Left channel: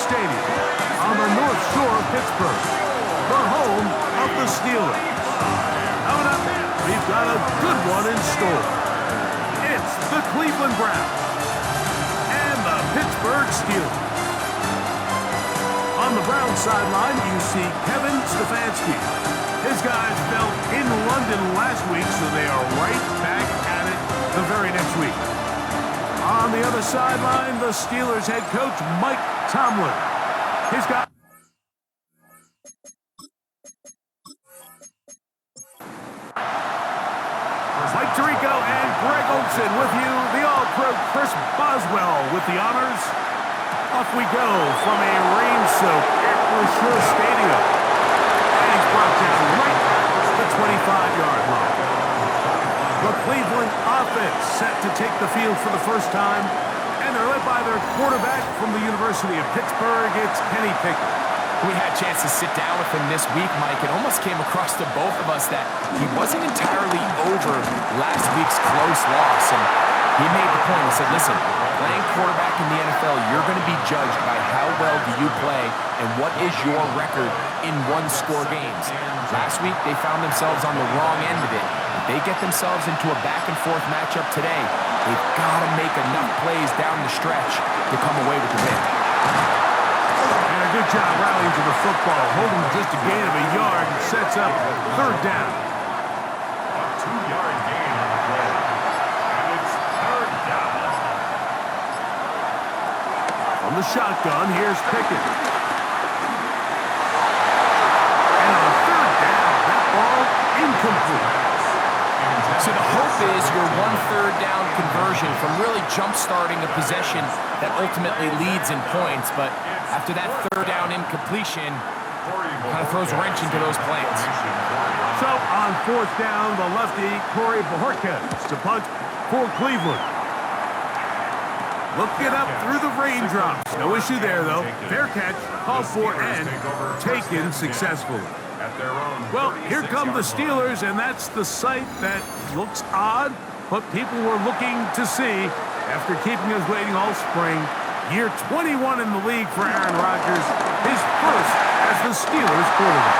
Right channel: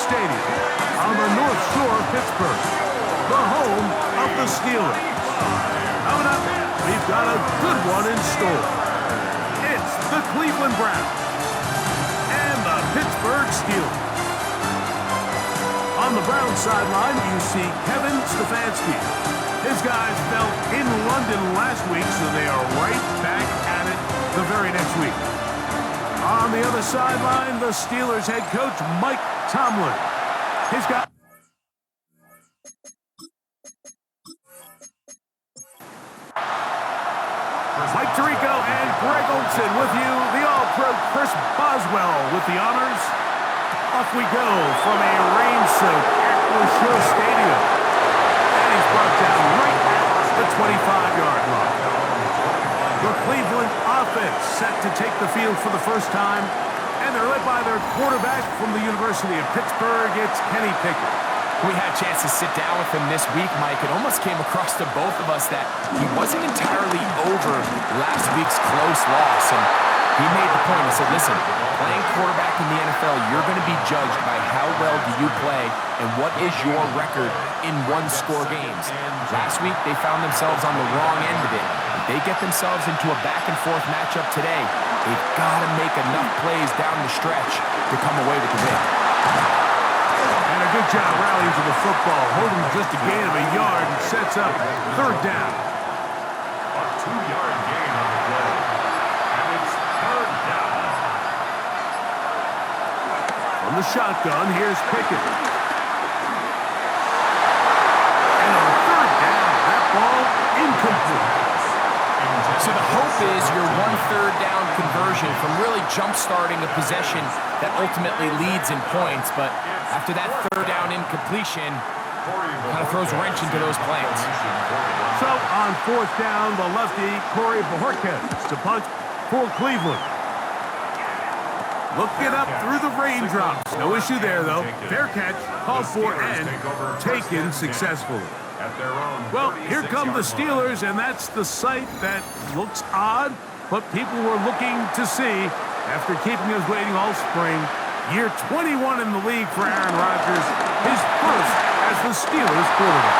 Stadium on the North Shore of Pittsburgh, the home of the Steelers. Coming up, we've got a good one in store. It's the Cleveland Browns and the Pittsburgh Steelers. On the Browns sideline, you see Kevin Stefanski. His guys fell in London last week, so they are right back at it the very next week. On the other sideline, the Steelers head coach Mike Tomlin. His guys... Mike Tirico and Greg Olson with you. The All-Pro Chris Boswell with the honors. Off we go from a rain-soaked Acrisure Stadium. And he's brought down right at the 25-yard line. The Cleveland offense set to take the field for the first time, and they're led by their quarterback from the University of Pittsburgh. It's Kenny Pickett. We had a chance to sit down with him this week, Mike. It almost came across to both of us that he wasn't entirely over last week's close loss. And he made the point. He said, listen, playing quarterback in the NFL, you're going to be judged by how well do you play and what is your record in one-score games. Last week, they found themselves on the wrong end of it. If they get themselves into a back-and-forth matchup today, they've got to make enough plays down the stretch to come away with the win. And a good job rallying to the football, holding just a gain of a yard and sets up third down. A 2-yard gain on the play. And it's third down. From the shotgun, here's Pickett. And on third down, that ball incomplete. So the hope is your 1/3 down conversion from really jump-starting a possession that ultimately leads in points, but after that third down incompletion, kind of throws a wrench into those plans. So on fourth down, the lefty, Corey Bojorquez to punt for Cleveland. Looking up through the raindrops. No issue there, though. Fair catch, called for, and taken successfully. Well, here come the Steelers, and that's the sight that looks odd, but people were looking to see after keeping us waiting all spring. Year 21 in the league for Aaron Rodgers, his first as the Steelers quarterback.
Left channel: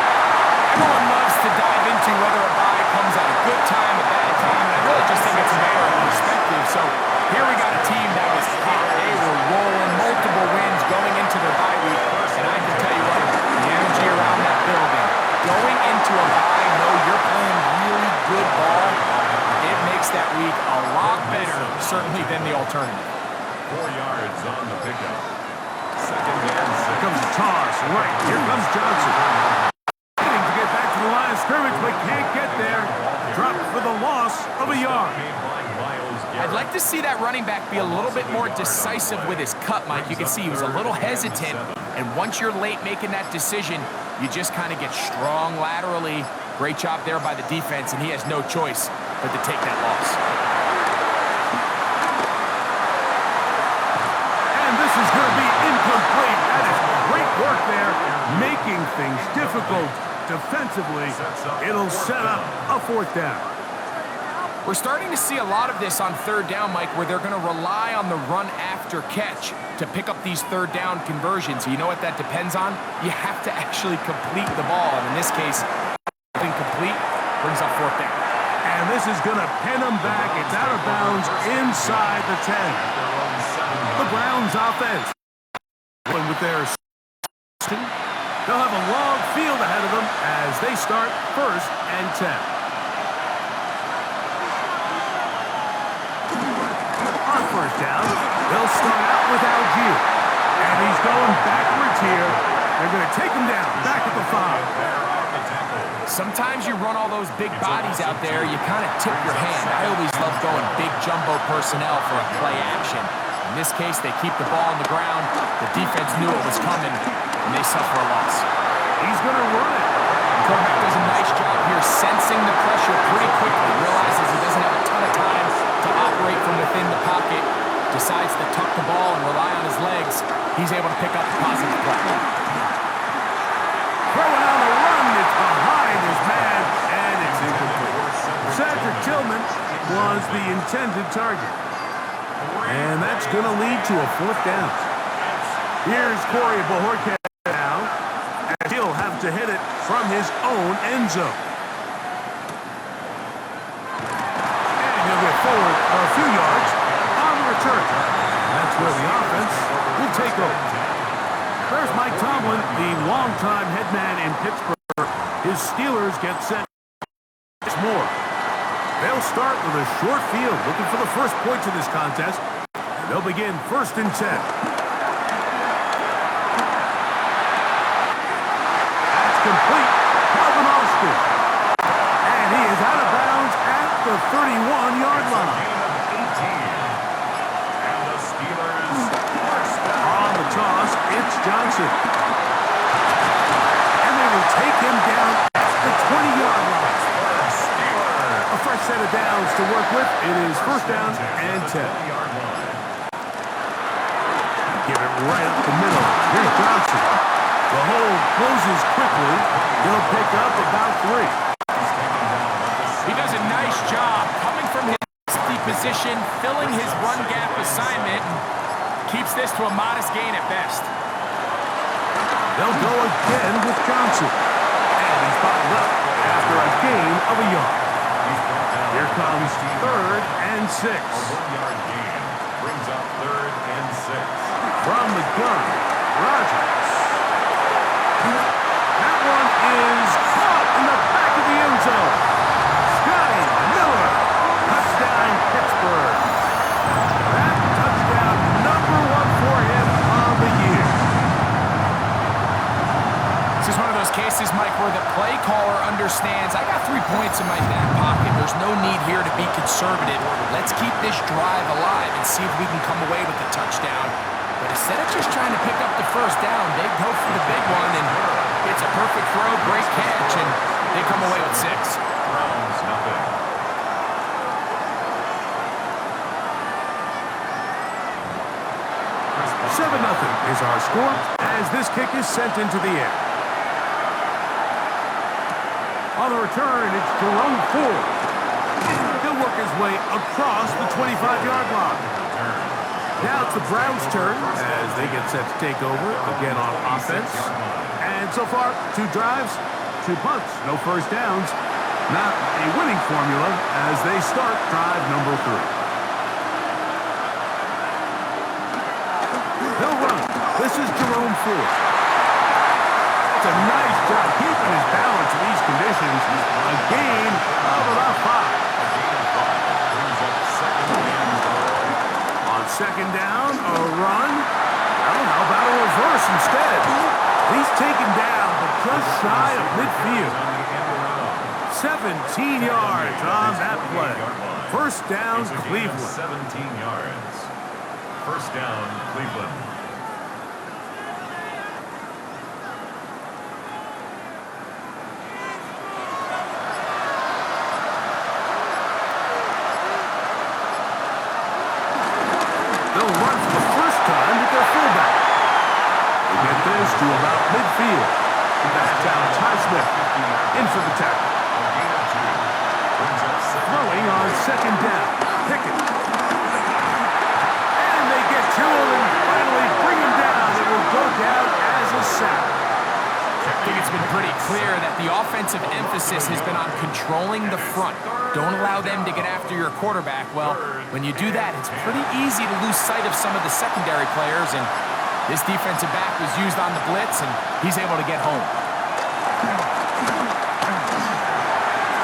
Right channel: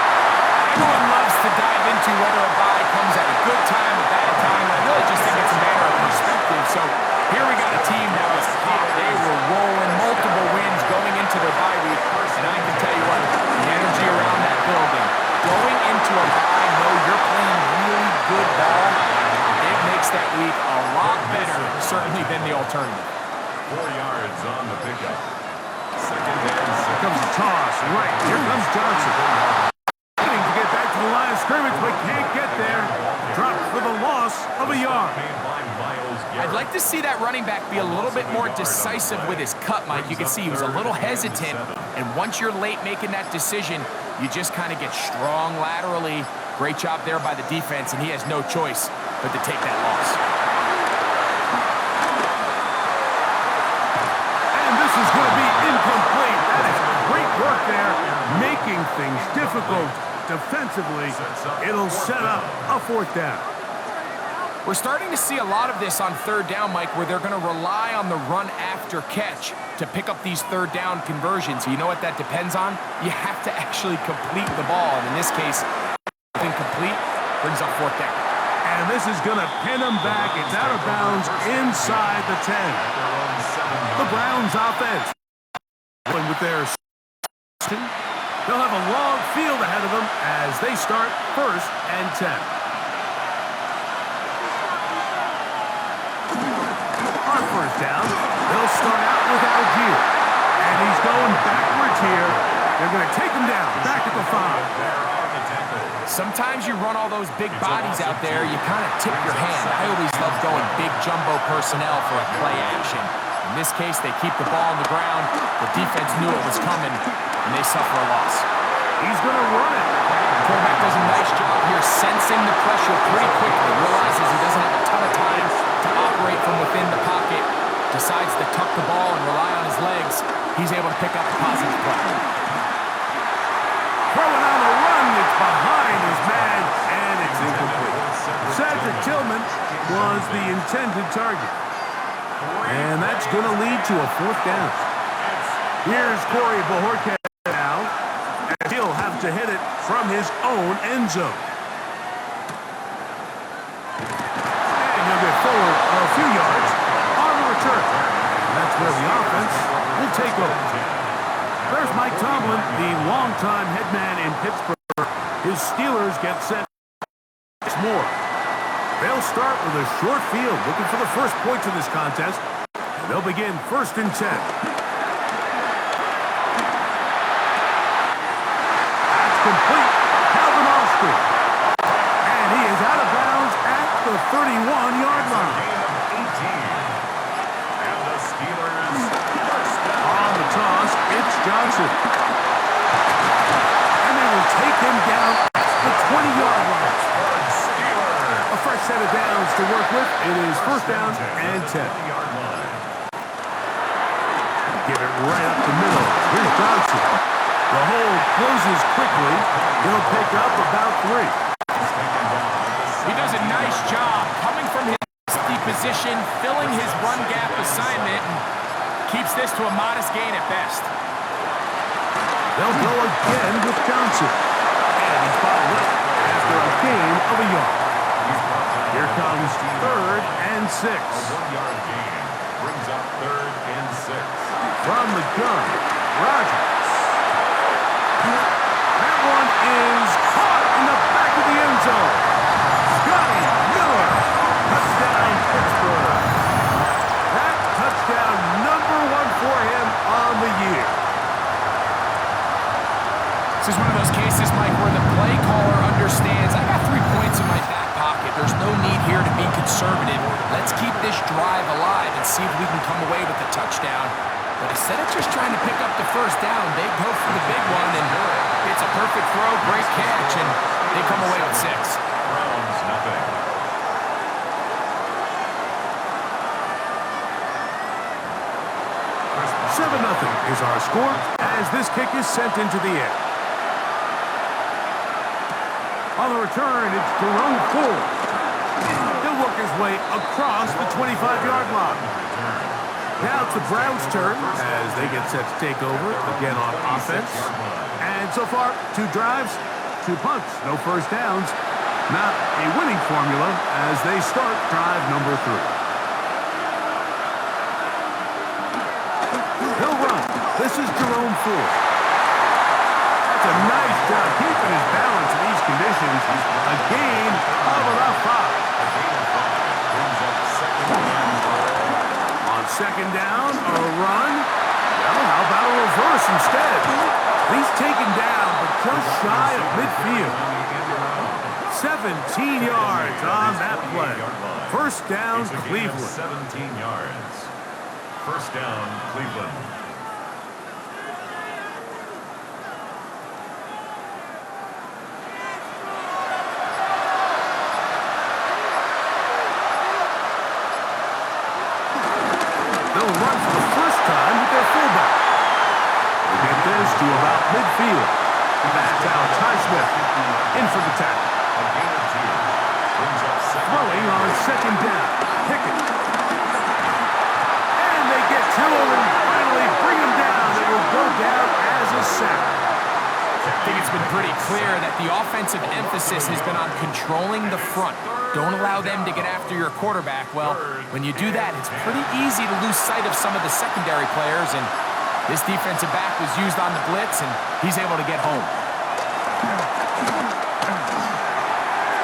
Everyone loves to dive into whether a bye comes at a good time, a bad time, and I really just think it's a matter of perspective. So here we got a team that was hot. They were rolling, multiple wins going into their bye week, and I can tell you what, the energy around that building, going into a bye, know you're playing really good ball, it makes that week a lot better, certainly, than the alternative. 4 yards on the pickup. Second and 6. Here comes the toss, right. Here comes Johnson. Getting to get back to the line of scrimmage, but can't get there. Dropped for the loss of a yard. I'd like to see that running back be a little bit more decisive with his cut, Mike. You can see he was a little hesitant, and once you're late making that decision, you just kind of get strong laterally. Great job there by the defense, and he has no choice but to take that loss. And this is going to be incomplete. That is great work there, making things difficult defensively. It'll set up a fourth down. We're starting to see a lot of this on third down, Mike, where they're going to rely on the run after catch to pick up these third down conversions. You know what that depends on? You have to actually complete the ball, and in this case, incomplete brings up fourth down. And this is going to pin them back. It's out of bounds inside the 10. The Browns offense with their they'll have a long field ahead of them as they start first and 10. On first down, they'll start out with Algier. And he's going backwards here. They're going to take him down, back at the 5. Sometimes you run all those big bodies out there, you kind of tip your hand. I always love going big jumbo personnel for a play action. In this case, they keep the ball on the ground. The defense knew it was coming, and they suffer a loss. He's going to run it. The quarterback does a nice job here sensing the pressure pretty quickly, realizes he doesn't have a ton of time to operate from within the pocket, decides to tuck the ball and rely on his legs. He's able to pick up a positive play. Throwing on the run, it's behind his man, and it's incomplete. Cedric Tillman was the intended target. And that's going to lead to a fourth down. Here's Corey Bojorquez now, as he'll have to hit it from his own end zone. And he'll get forward a few yards on the return. And that's where the offense will take over. There's Mike Tomlin, the longtime head man in Pittsburgh. His Steelers get set more. They'll start with a short field, looking for the first points of this contest. And they'll begin 1st and 10. Complete. Calvin Austin. And he is out of bounds at the 31-yard line. Gain of 18. And the Steelers first down. On the toss, it's Johnson. And they will take him down at the 20-yard line. A fresh set of downs to work with. It is 1st down and 10. Give it right up the middle. Here's Johnson. The hold closes quickly. He'll pick up about 3. He does a nice job coming from his safety position, filling his run gap assignment, and keeps this to a modest gain at best. They'll go again with Johnson. And he's bottled up after a gain of a yard. Here comes 3rd and 6. A 1-yard gain brings up 3rd and 6. From the gun, Rodgers. That one is caught in the back of the end zone. Scotty Miller. Touchdown, Pittsburgh. That touchdown #1 for him on the year. This is one of those cases, Mike, where the play caller understands, I got 3 points in my back pocket. There's no need here to be conservative. Let's keep this drive alive and see if we can come away with a touchdown. But instead of just trying to pick up the 1st down, they go for the big one, and it's a perfect throw, great catch, and they come away with 6. Browns, nothing. Seven 0 is our score as this kick is sent into the air. On the return, it's Jerome Ford. He'll work his way across the 25-yard line. Now it's the Browns' turn as they get set to take over again on offense. And so far, 2 drives, 2 punts, no 1st downs. Not a winning formula as they start drive #3. He'll run. This is Jerome Ford. That's a nice job keeping his balance in these conditions. A gain of about 5. A gain of 5 brings up 2nd and 4. On 2nd down, a run. Well, how about a reverse instead? He's taken down, but just shy of midfield. 17 yards on that play. 1st down, Cleveland. 17 yards. 1st down, Cleveland. They'll run for the 1st time with their fullback. They get this to about midfield. That's Alex Highsmith in for the tackle. A gain of 2 brings up 2nd. Throwing on 2nd down. Pickett. And they get to him and finally bring him down. It will go down as a sack. I think it's been pretty clear that the offensive emphasis has been on controlling the front. Don't allow them to get after your quarterback. Well, when you do that, it's pretty easy to lose sight of some of the secondary players, and this defensive back was used on the blitz, and he's able to get home.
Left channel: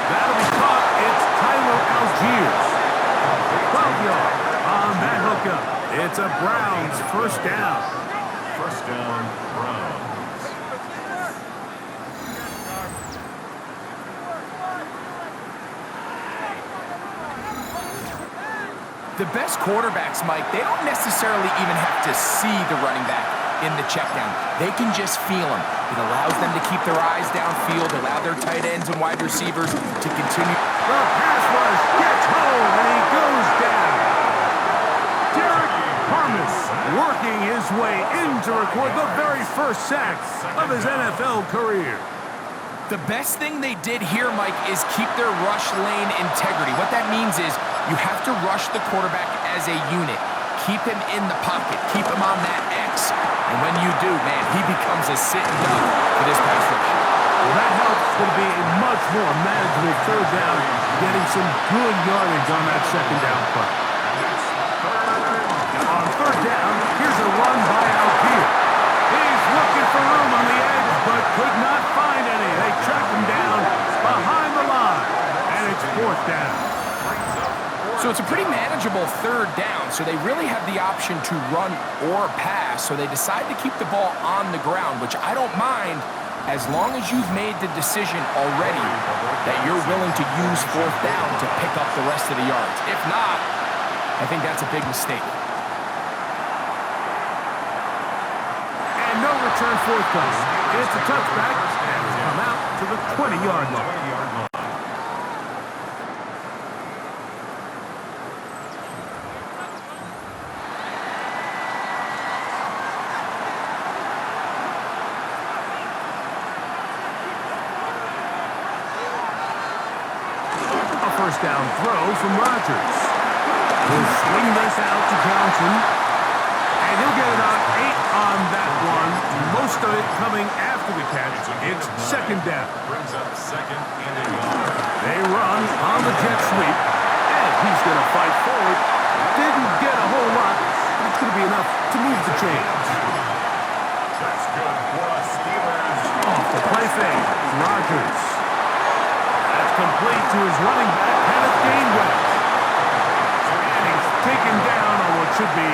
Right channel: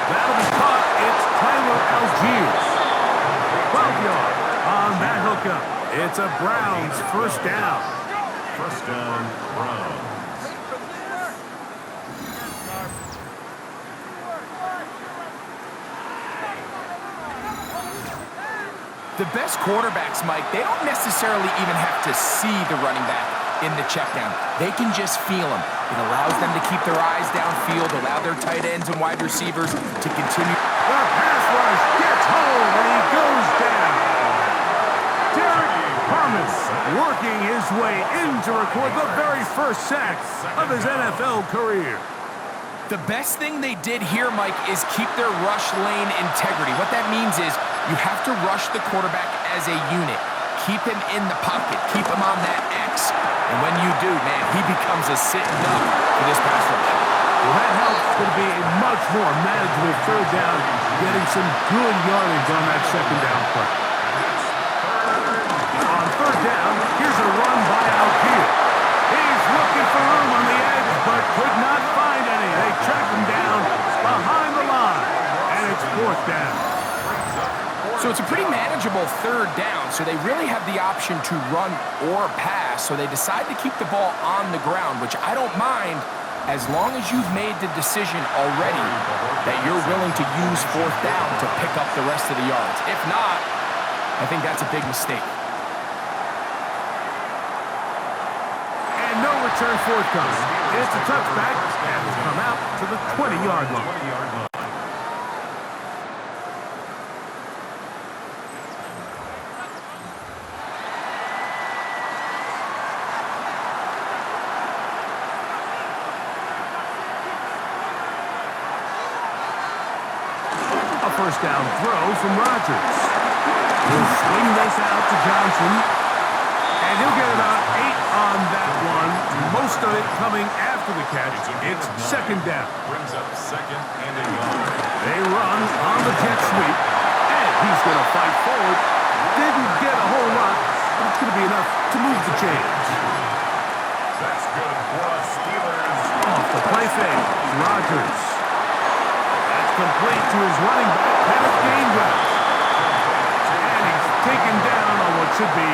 That'll be caught. It's Tyler Algiers. 12 yards on that hookup. It's a Browns 1st down. 1st down, Browns. The best quarterbacks, Mike, they don't necessarily even have to see the running back in the check down. They can just feel him. It allows them to keep their eyes downfield, allow their tight ends and wide receivers to continue. The pass rush gets home, and he goes down. Derek Harmon working his way in to record the very 1st sack of his NFL career. The best thing they did here, Mike, is keep their rush lane integrity. What that means is you have to rush the quarterback as a unit. keep him in the pocket, keep him on that X. And when you do, man, he becomes a sitting duck for this pass rush. Well, that helps. It's going to be a much more manageable third down, getting some good yardage on that second down play. On third down, here's a run by Algier. He's looking for room on the edge, but could not find any. They track him down behind the line, and it's fourth down. So it's a pretty manageable third down, so they really have the option to run or pass, so they decide to keep the ball on the ground, which I don't mind as long as you've made the decision already that you're willing to use fourth down to pick up the rest of the yards. If not, I think that's a big mistake. And no return forthcoming. It's a touchback, and it's come out to the 20-yard line. First down throw from Rodgers. He'll swing this out to Johnson, and he'll get about 8 on that one. Most of it coming after the catch. It's second down. Brings up second and a yard. They run on the jet sweep, and he's going to fight forward. Didn't get a whole lot, but it's going to be enough to move the chains. That's good for us Steelers. Off the play fake, Rodgers. Complete to his running back, Kenneth Gainwell. And he's taken down on what should be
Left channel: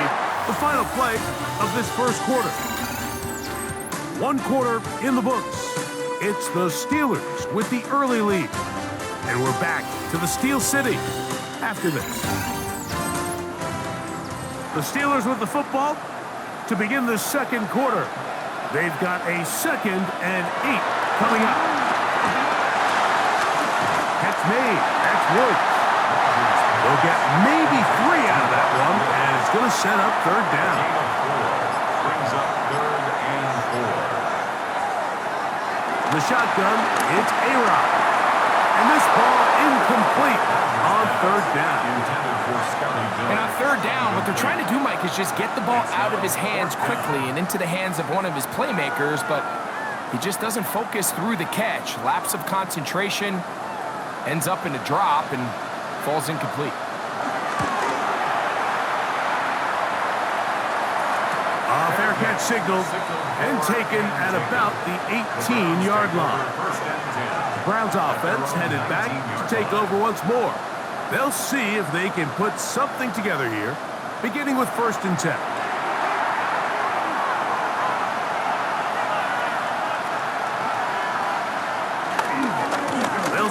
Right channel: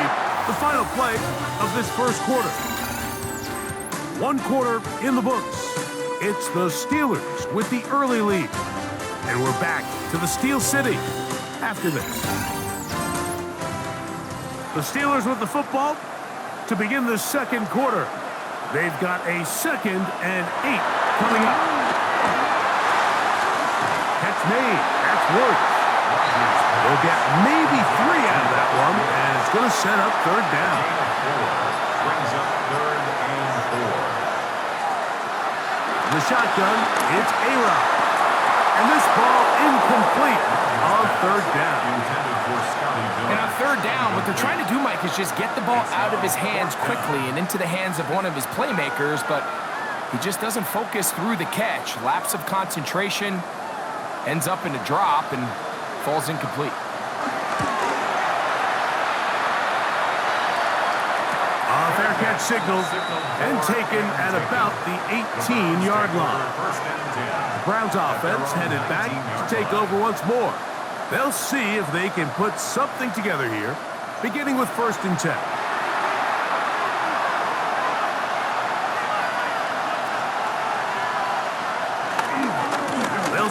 the final play of this first quarter. 1 quarter in the books. It's the Steelers with the early lead. And we're back to the Steel City after this. The Steelers with the football to begin the second quarter. They've got a 2nd and 8 coming up. Catch made. That's Woods. They'll get maybe 3 out of that one, and it's going to set up third down. Gain of 4. Brings up third and 4. The shotgun, it's A-Rod. And this ball incomplete on third down. Intended for Scotty Miller. And on third down, what they're trying to do, Mike, is just get the ball out of his hands quickly and into the hands of one of his playmakers, but he just doesn't focus through the catch. Lapse of concentration. Ends up in a drop and falls incomplete. A fair catch signaled and taken at about the 18-yard line. The Browns offense headed back to take over once more. They'll see if they can put something together here, beginning with 1st and 10.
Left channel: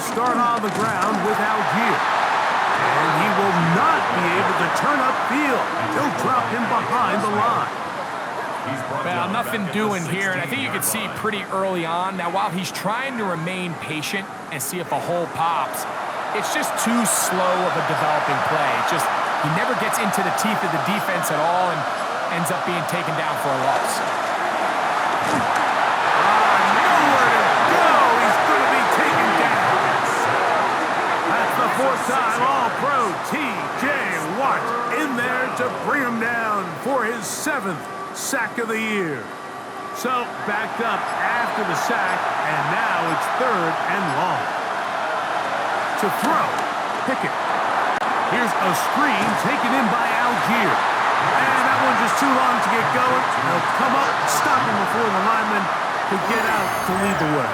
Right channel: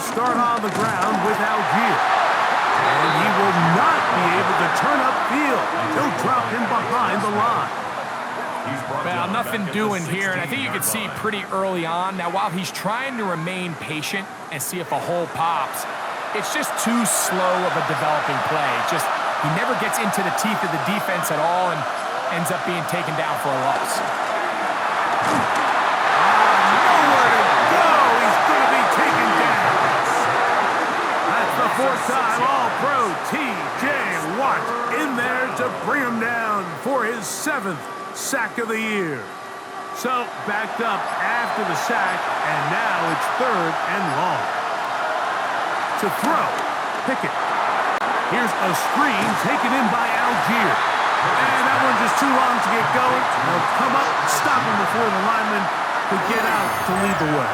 Start on the ground with Algier. And he will not be able to turn upfield. He'll drop him behind the line. Well, nothing doing here, and I think you can see pretty early on. Now, while he's trying to remain patient and see if a hole pops, it's just too slow of a developing play. Just he never gets into the teeth of the defense at all and ends up being taken down for a loss. Nowhere to go. He's going to be taken down. That's the 4th time All-Pro T.J. Watt in there to bring him down for his 7th sack of the year. So backed up after the sack, and now it's third and long. To throw, Pickett. Here's a screen taken in by Algier. And that one just too long to get going. They'll come up, stop him before the lineman could get out to lead the way.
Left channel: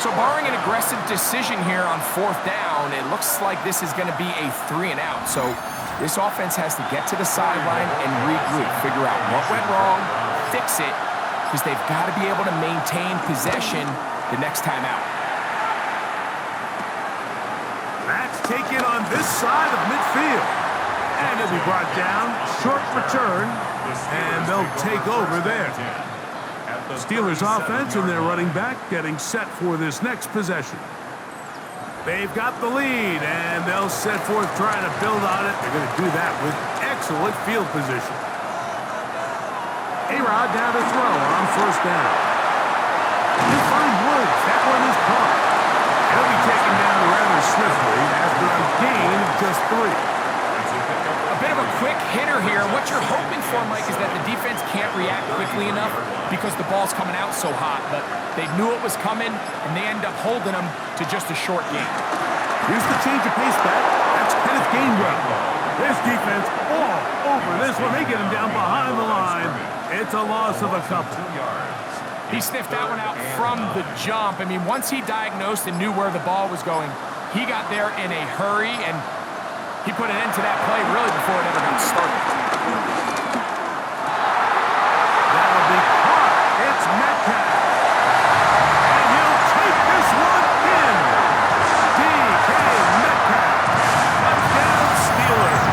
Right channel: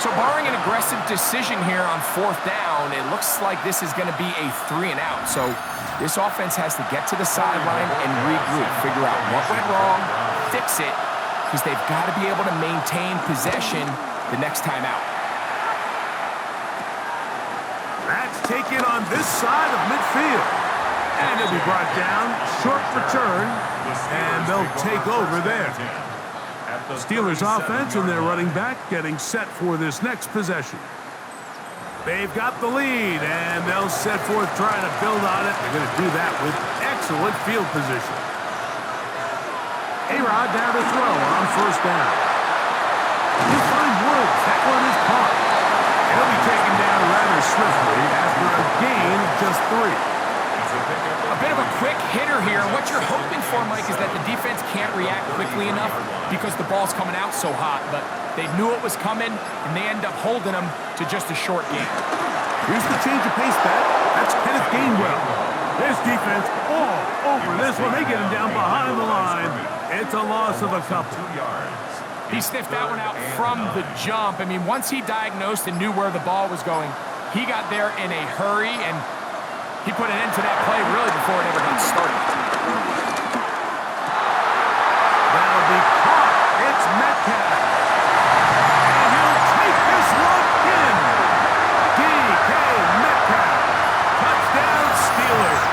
So barring an aggressive decision here on 4th down, it looks like this is going to be a 3 and out. So this offense has to get to the sideline and regroup, figure out what went wrong, fix it, because they've got to be able to maintain possession the next time out. That's taken on this side of midfield. And he'll be brought down, short return, and they'll take over there. Steelers offense and their running back getting set for this next possession. They've got the lead, and they'll set forth trying to build on it. They're going to do that with excellent field position. A-Rod down to throw on 1st down. He'll find Woods. That one is caught. He'll be taken down rather swiftly after a gain of just 3. A bit of a quick hitter here. What you're hoping for, Mike, is that the defense can't react quickly enough because the ball's coming out so hot. But they knew it was coming, and they end up holding them to just a short game. Here's the change of pace back. That's Kenneth Gainwell. This defense all over this one. They get him down behind the line. It's a loss of a couple. 2 yards. He sniffed that one out from the jump. I mean, once he diagnosed and knew where the ball was going, he got there in a hurry, and he put an end to that play really before it ever got started. That'll be caught. It's Metcalf. And he'll take this one in. DK Metcalf. Touchdown Steelers.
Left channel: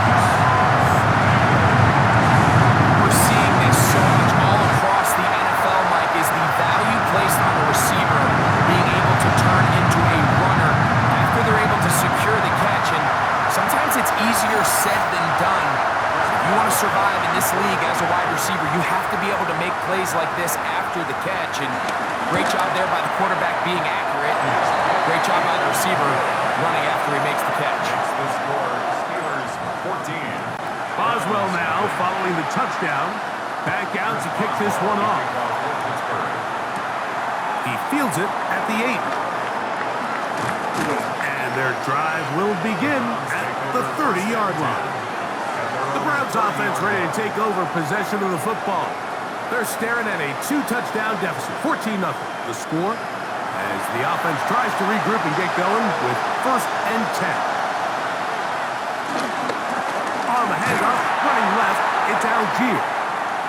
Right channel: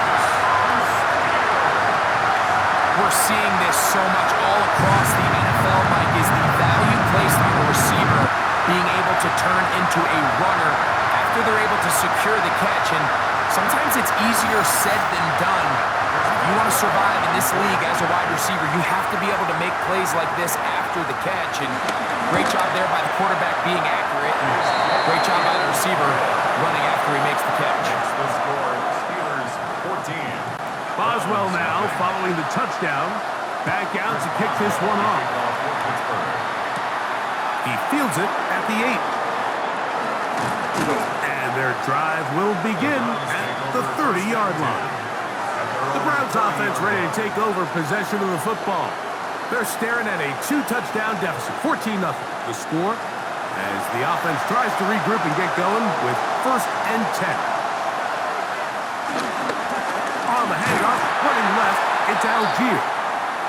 We're seeing this so much all across the NFL, Mike, is the value placed on a receiver being able to turn into a runner after they're able to secure the catch. And sometimes it's easier said than done. If you want to survive in this league as a wide receiver, you have to be able to make plays like this after the catch. And great job there by the quarterback being accurate. And great job by the receiver running after he makes the catch. Makes the score Steelers 14. Boswell now following the touchdown. Back out to kick this one off. He fields it at the 8. And their drive will begin at the 30-yard line. The Browns offense ready to take over possession of the football. They're staring at a 2-touchdown deficit, 14-0. The score as the offense tries to regroup and get going with 1st and 10. On the handoff, running left, it's Algier.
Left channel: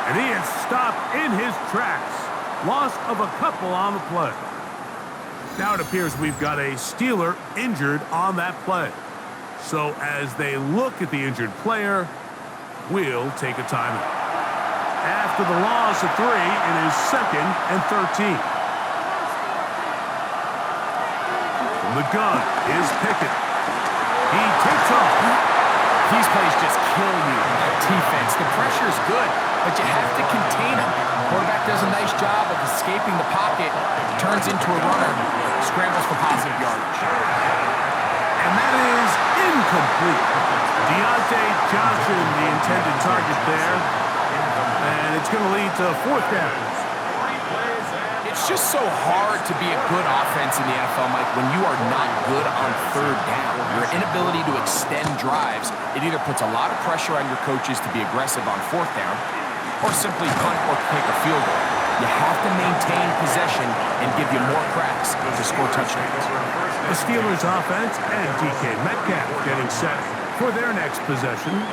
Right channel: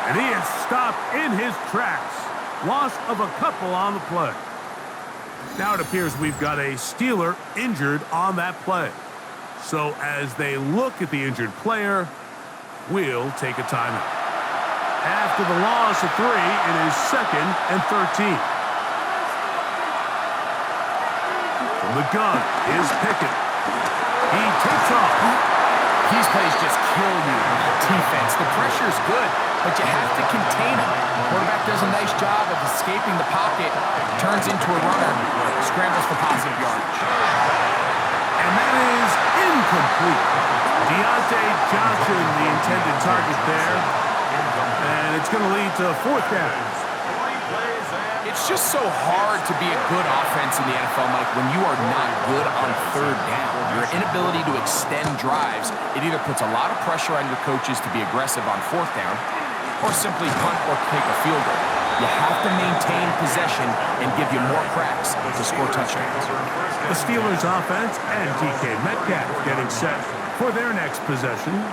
And he is stopped in his tracks. Loss of a couple on the play. Now it appears we've got a Steeler injured on that play. So as they look at the injured player, we'll take a timeout. After the loss of 3, it is 2nd and 13. From the gun is Pickett. He takes off. These plays just kill you. Defense, the pressure's good, but you have to contain him. Quarterback does a nice job of escaping the pocket, turns into a runner, scrambles for positive yardage. And that is incomplete. Deontay Johnson, the intended target there. And it's going to lead to 4th down. It's just so hard to be a good offense in the NFL, Mike, when you are not good on 3rd down. Your inability to extend drives, it either puts a lot of pressure on your coaches to be aggressive on 4th down or simply punt or kick a field goal. You have to maintain possession and give you more cracks to score touchdowns. The Steelers offense and DK Metcalf getting set for their next possession.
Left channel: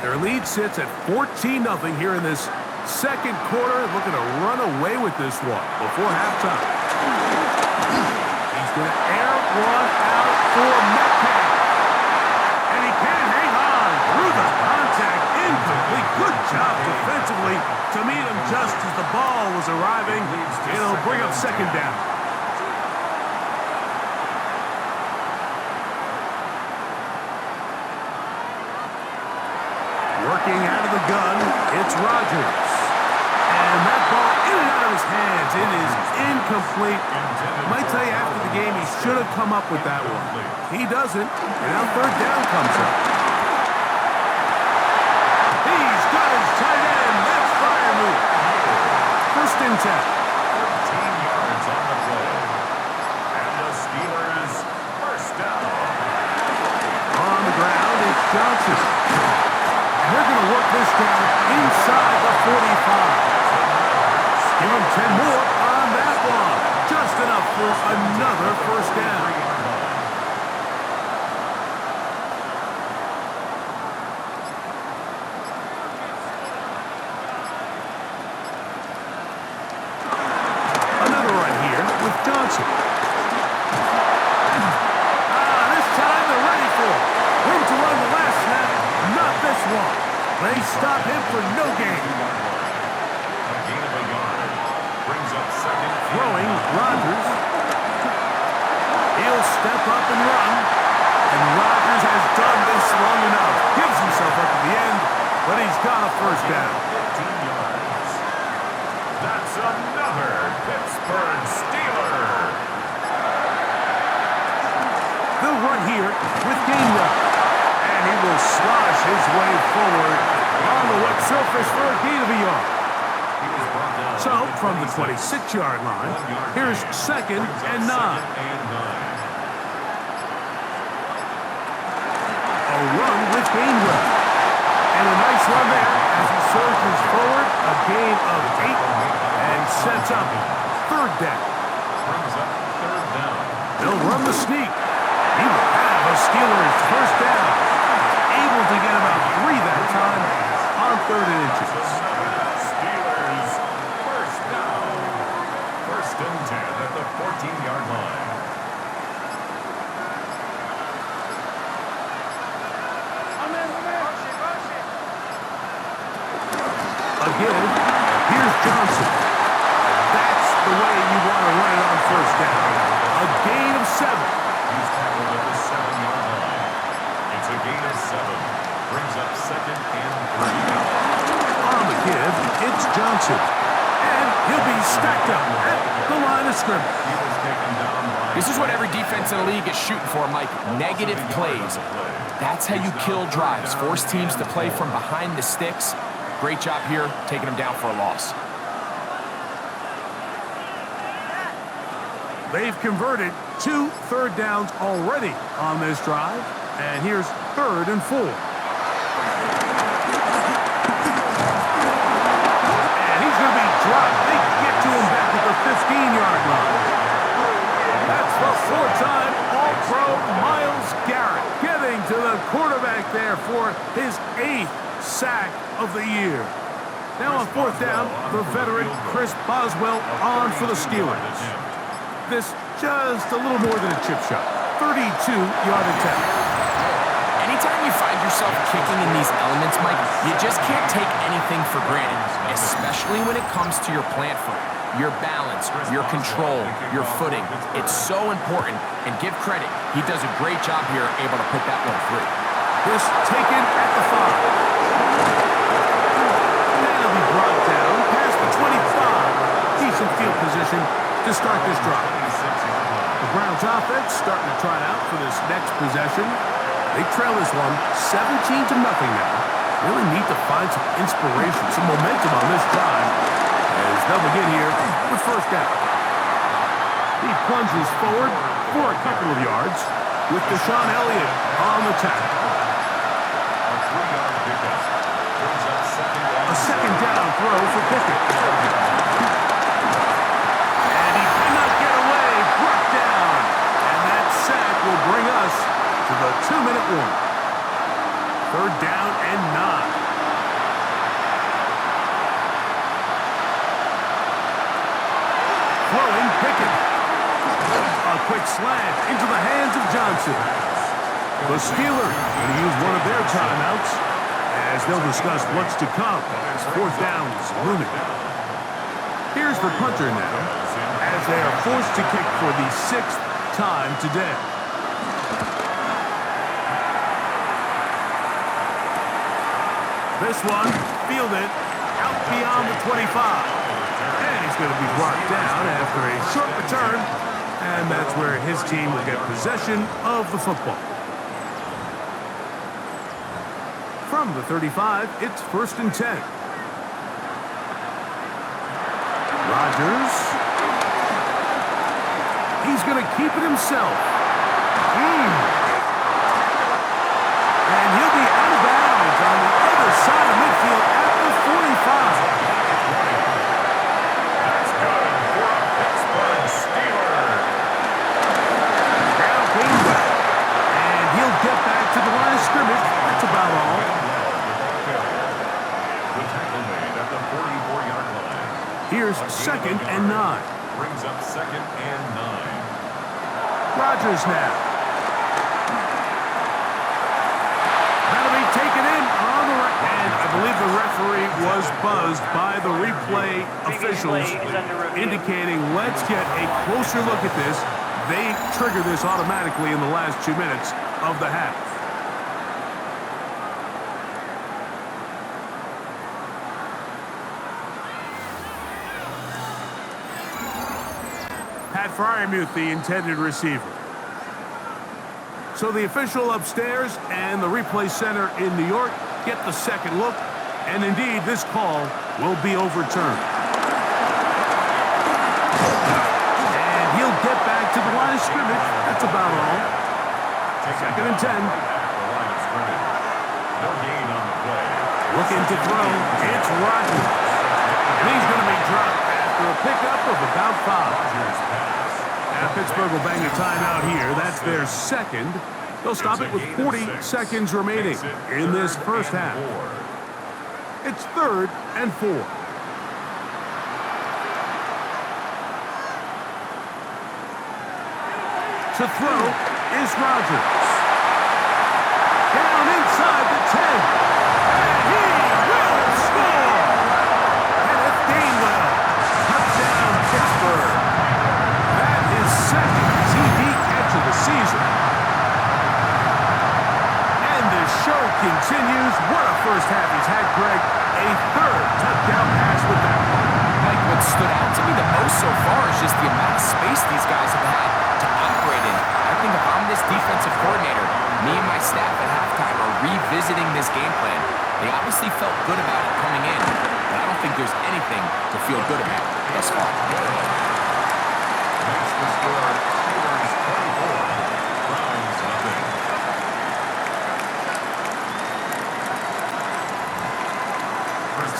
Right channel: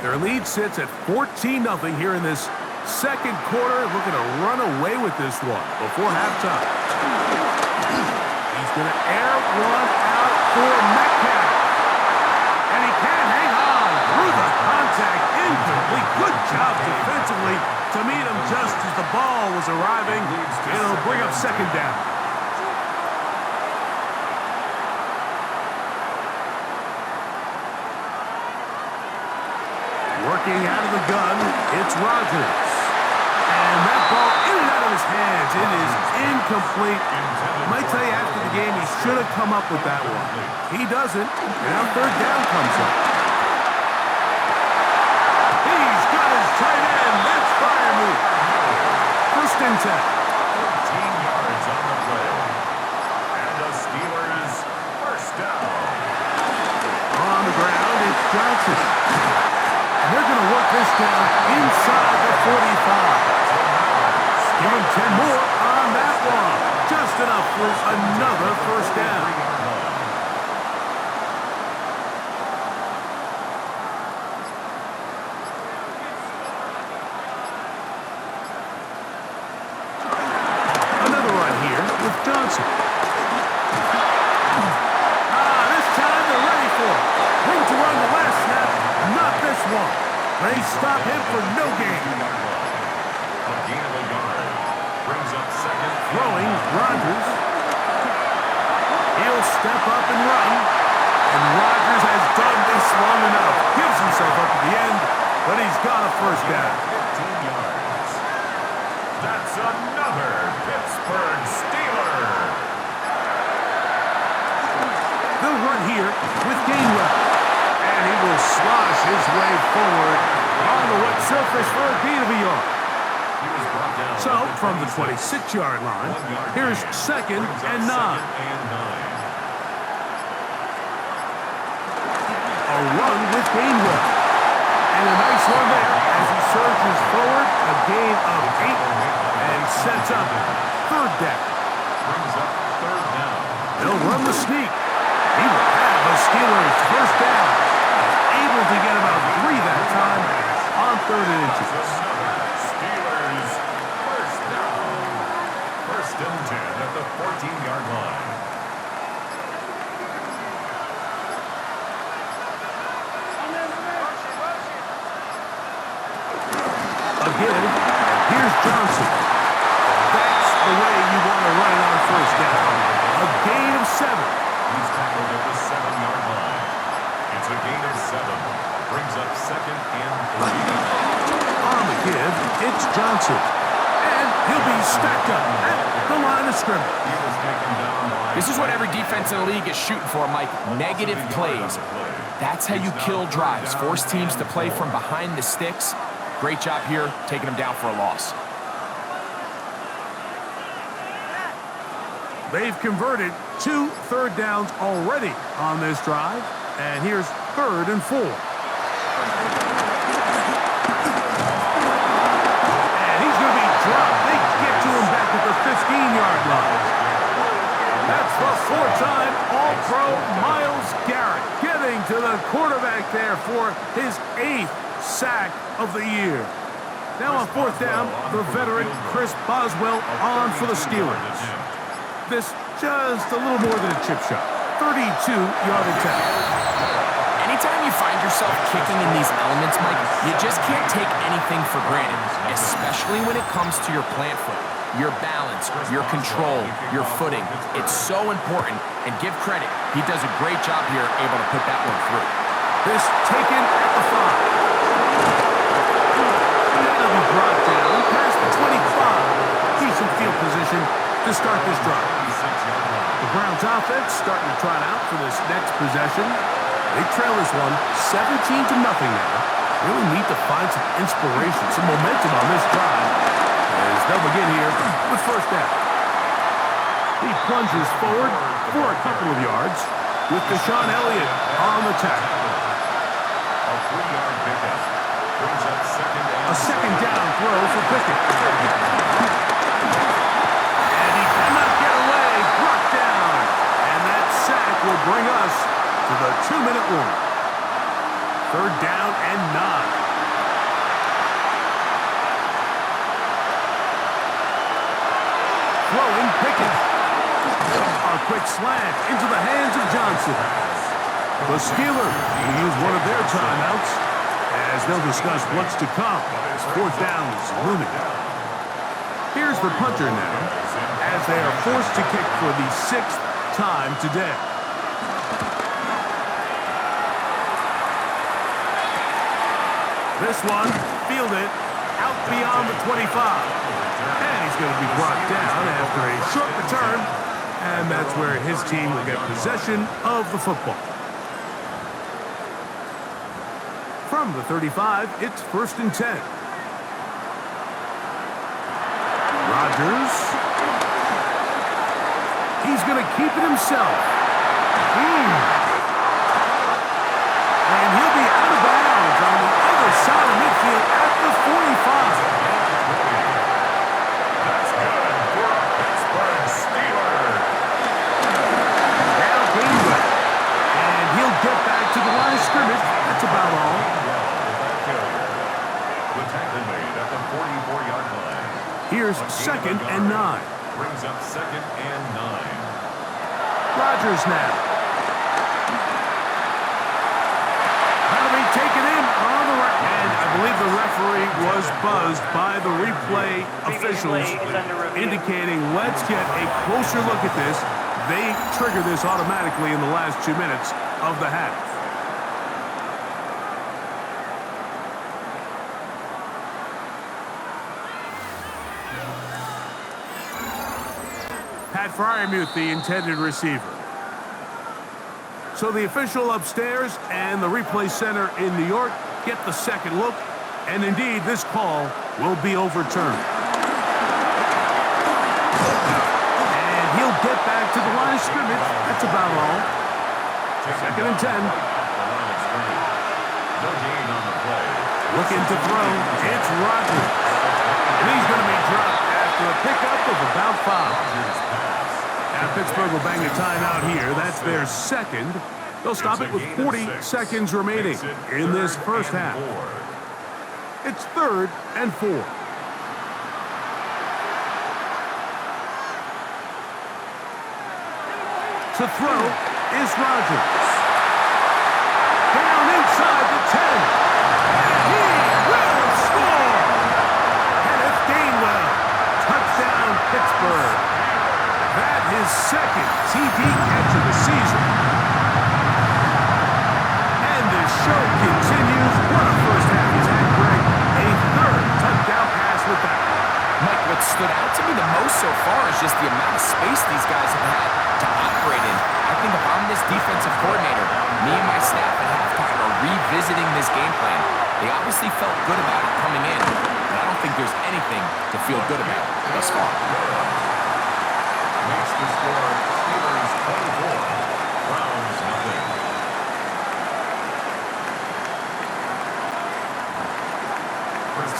Their lead sits at 14-0 here in this 2nd quarter, looking to run away with this one before halftime. He's going to air one out for Metcalf. And he can't hang on through the contact. Incomplete. Good job defensively to meet him just as the ball was arriving. It'll bring up 2nd down. Working out of the gun, it's Rodgers. And that ball in and out of his hands. It is incomplete. Might tell you after the game he should have come up with that one. He doesn't, and now 3rd down comes up. He's got his tight end. That's fire move. 1st and 10. 13 yards on the play. And the Steelers 1st down. On the ground, it's Johnson. And they're going to work this down inside the 45. Give him 10 more on that one. Just enough for another 1st down. Another run here with Johnson. This time they're ready for it. Room to run the last snap. Not this one. They stop him for no gain. A gain of a yard. Brings up 2nd. Throwing, Rodgers. He'll step up and run. And Rodgers has done this long enough. Gives himself up at the end, but he's got a 1st down. 15 yards. That's another Pittsburgh Steeler. They'll run here with Gainwell. And and he will slosh his way forward on the wet surface for a gain of a yard. He was brought down. So, from the 26-yard line, here's 2nd and 9. A run with Gainwell. And a nice run there as he surges forward, a gain of 8, and sets up 3rd down. Brings up 3rd down. They'll run the sneak. He will have a Steelers 1st down. Able to get about 3 that time on 3rd and inches. Steelers 1st down. 1st and 10 at the 14-yard line. Again, and here's Johnson. That's the way you want to run it on 1st down. A gain of 7. He's tackled at the 7-yard line. It's a gain of 7. Brings up 2nd and 3. On the give, it's Johnson. And he'll be stacked up at the line of scrimmage. He was taken down by... This is what every defense in the league is shooting for, Mike. Negative plays. That's how you kill drives. Force teams to play from behind the sticks. Great job here, taking them down for a loss. They've converted 2 3rd downs already on this drive. And here's 3rd and 4. And he's going to be dropped. They get to him back at the 15-yard line. That's the 4-time All-Pro Myles Garrett getting to the quarterback there for his 8th sack of the year. Now on 4th down, the veteran Chris Boswell on for the Steelers. This just a little more than a chip shot. 32-yard attempt. Anytime you find yourself kicking in these elements, Mike, you just can't take anything for granted, especially when it comes to your plant foot, your balance, your control, your footing. It's so important, and give credit, he does a great job here able to put that one through. This taken at the 5. That'll be brought down past the 25. Decent field position to start this drive. The Browns offense starting to trot out for this next possession. They trail this one 17-0 now. Really need to find some inspiration, some momentum on this drive as they'll begin here with 1st down. He plunges forward for a couple of yards with Deshaun Elliott on the tackle. A 3-yard pickup. Brings up 2nd down. A 2nd down throw for Pickett. And he cannot get away. Brought down. And that sack will bring us to the 2-minute warning. 3rd down and 9. Throwing Pickett. A quick slant into the hands of Johnson. The Steelers going to use one of their timeouts as they'll discuss what's to come. 4th down is looming. Here's the punter now as they are forced to kick for the 6th time today. This one fielded out beyond the 25. And he's going to be brought down after a short return. And that's where his team will get possession of the football. From the 35, it's 1st and 10. Rodgers. He's going to keep it himself. And he'll be out of bounds on the other side of midfield at the 45. That's good for a Pittsburgh Steeler. Now Gainwell. And he'll get back to the line of scrimmage. That's about all. The tackle made at the 44-yard line. Here's 2nd and 9. Brings up 2nd and 9. Rodgers now. That'll be taken in on the right. And I believe the referee was buzzed by the replay officials indicating let's get a closer look at this. They trigger this automatically in the last 2 minutes of the half. Pat Fryermuth, the intended receiver. So the official upstairs and the replay center in New York get the second look, and indeed this call will be overturned. And he'll get back to the line of scrimmage. That's about all. Second and 10. No gain on the play. Looking to throw. It's Rodgers. And he's going to be dropped after a pickup of about 5. Now Pittsburgh will bang a timeout here. That's their second. They'll stop it with 40 seconds remaining in this first half. It's 3rd and 4. To throw is Rodgers. Down inside the 10. And he will score! Kenneth Gainwell. Touchdown, Pittsburgh. That is second TD catch of the season. And the show continues. What a first half he's had, Greg. A 3rd touchdown pass with that one. Mike, what stood out to me the most so far is just the amount of space these guys have had to operate in. I think if I'm this defensive coordinator, me and my staff at halftime are revisiting this game plan. They obviously felt good about it coming in, but I don't think there's anything to feel good about thus far. Makes the score Steelers 24, Browns nothing.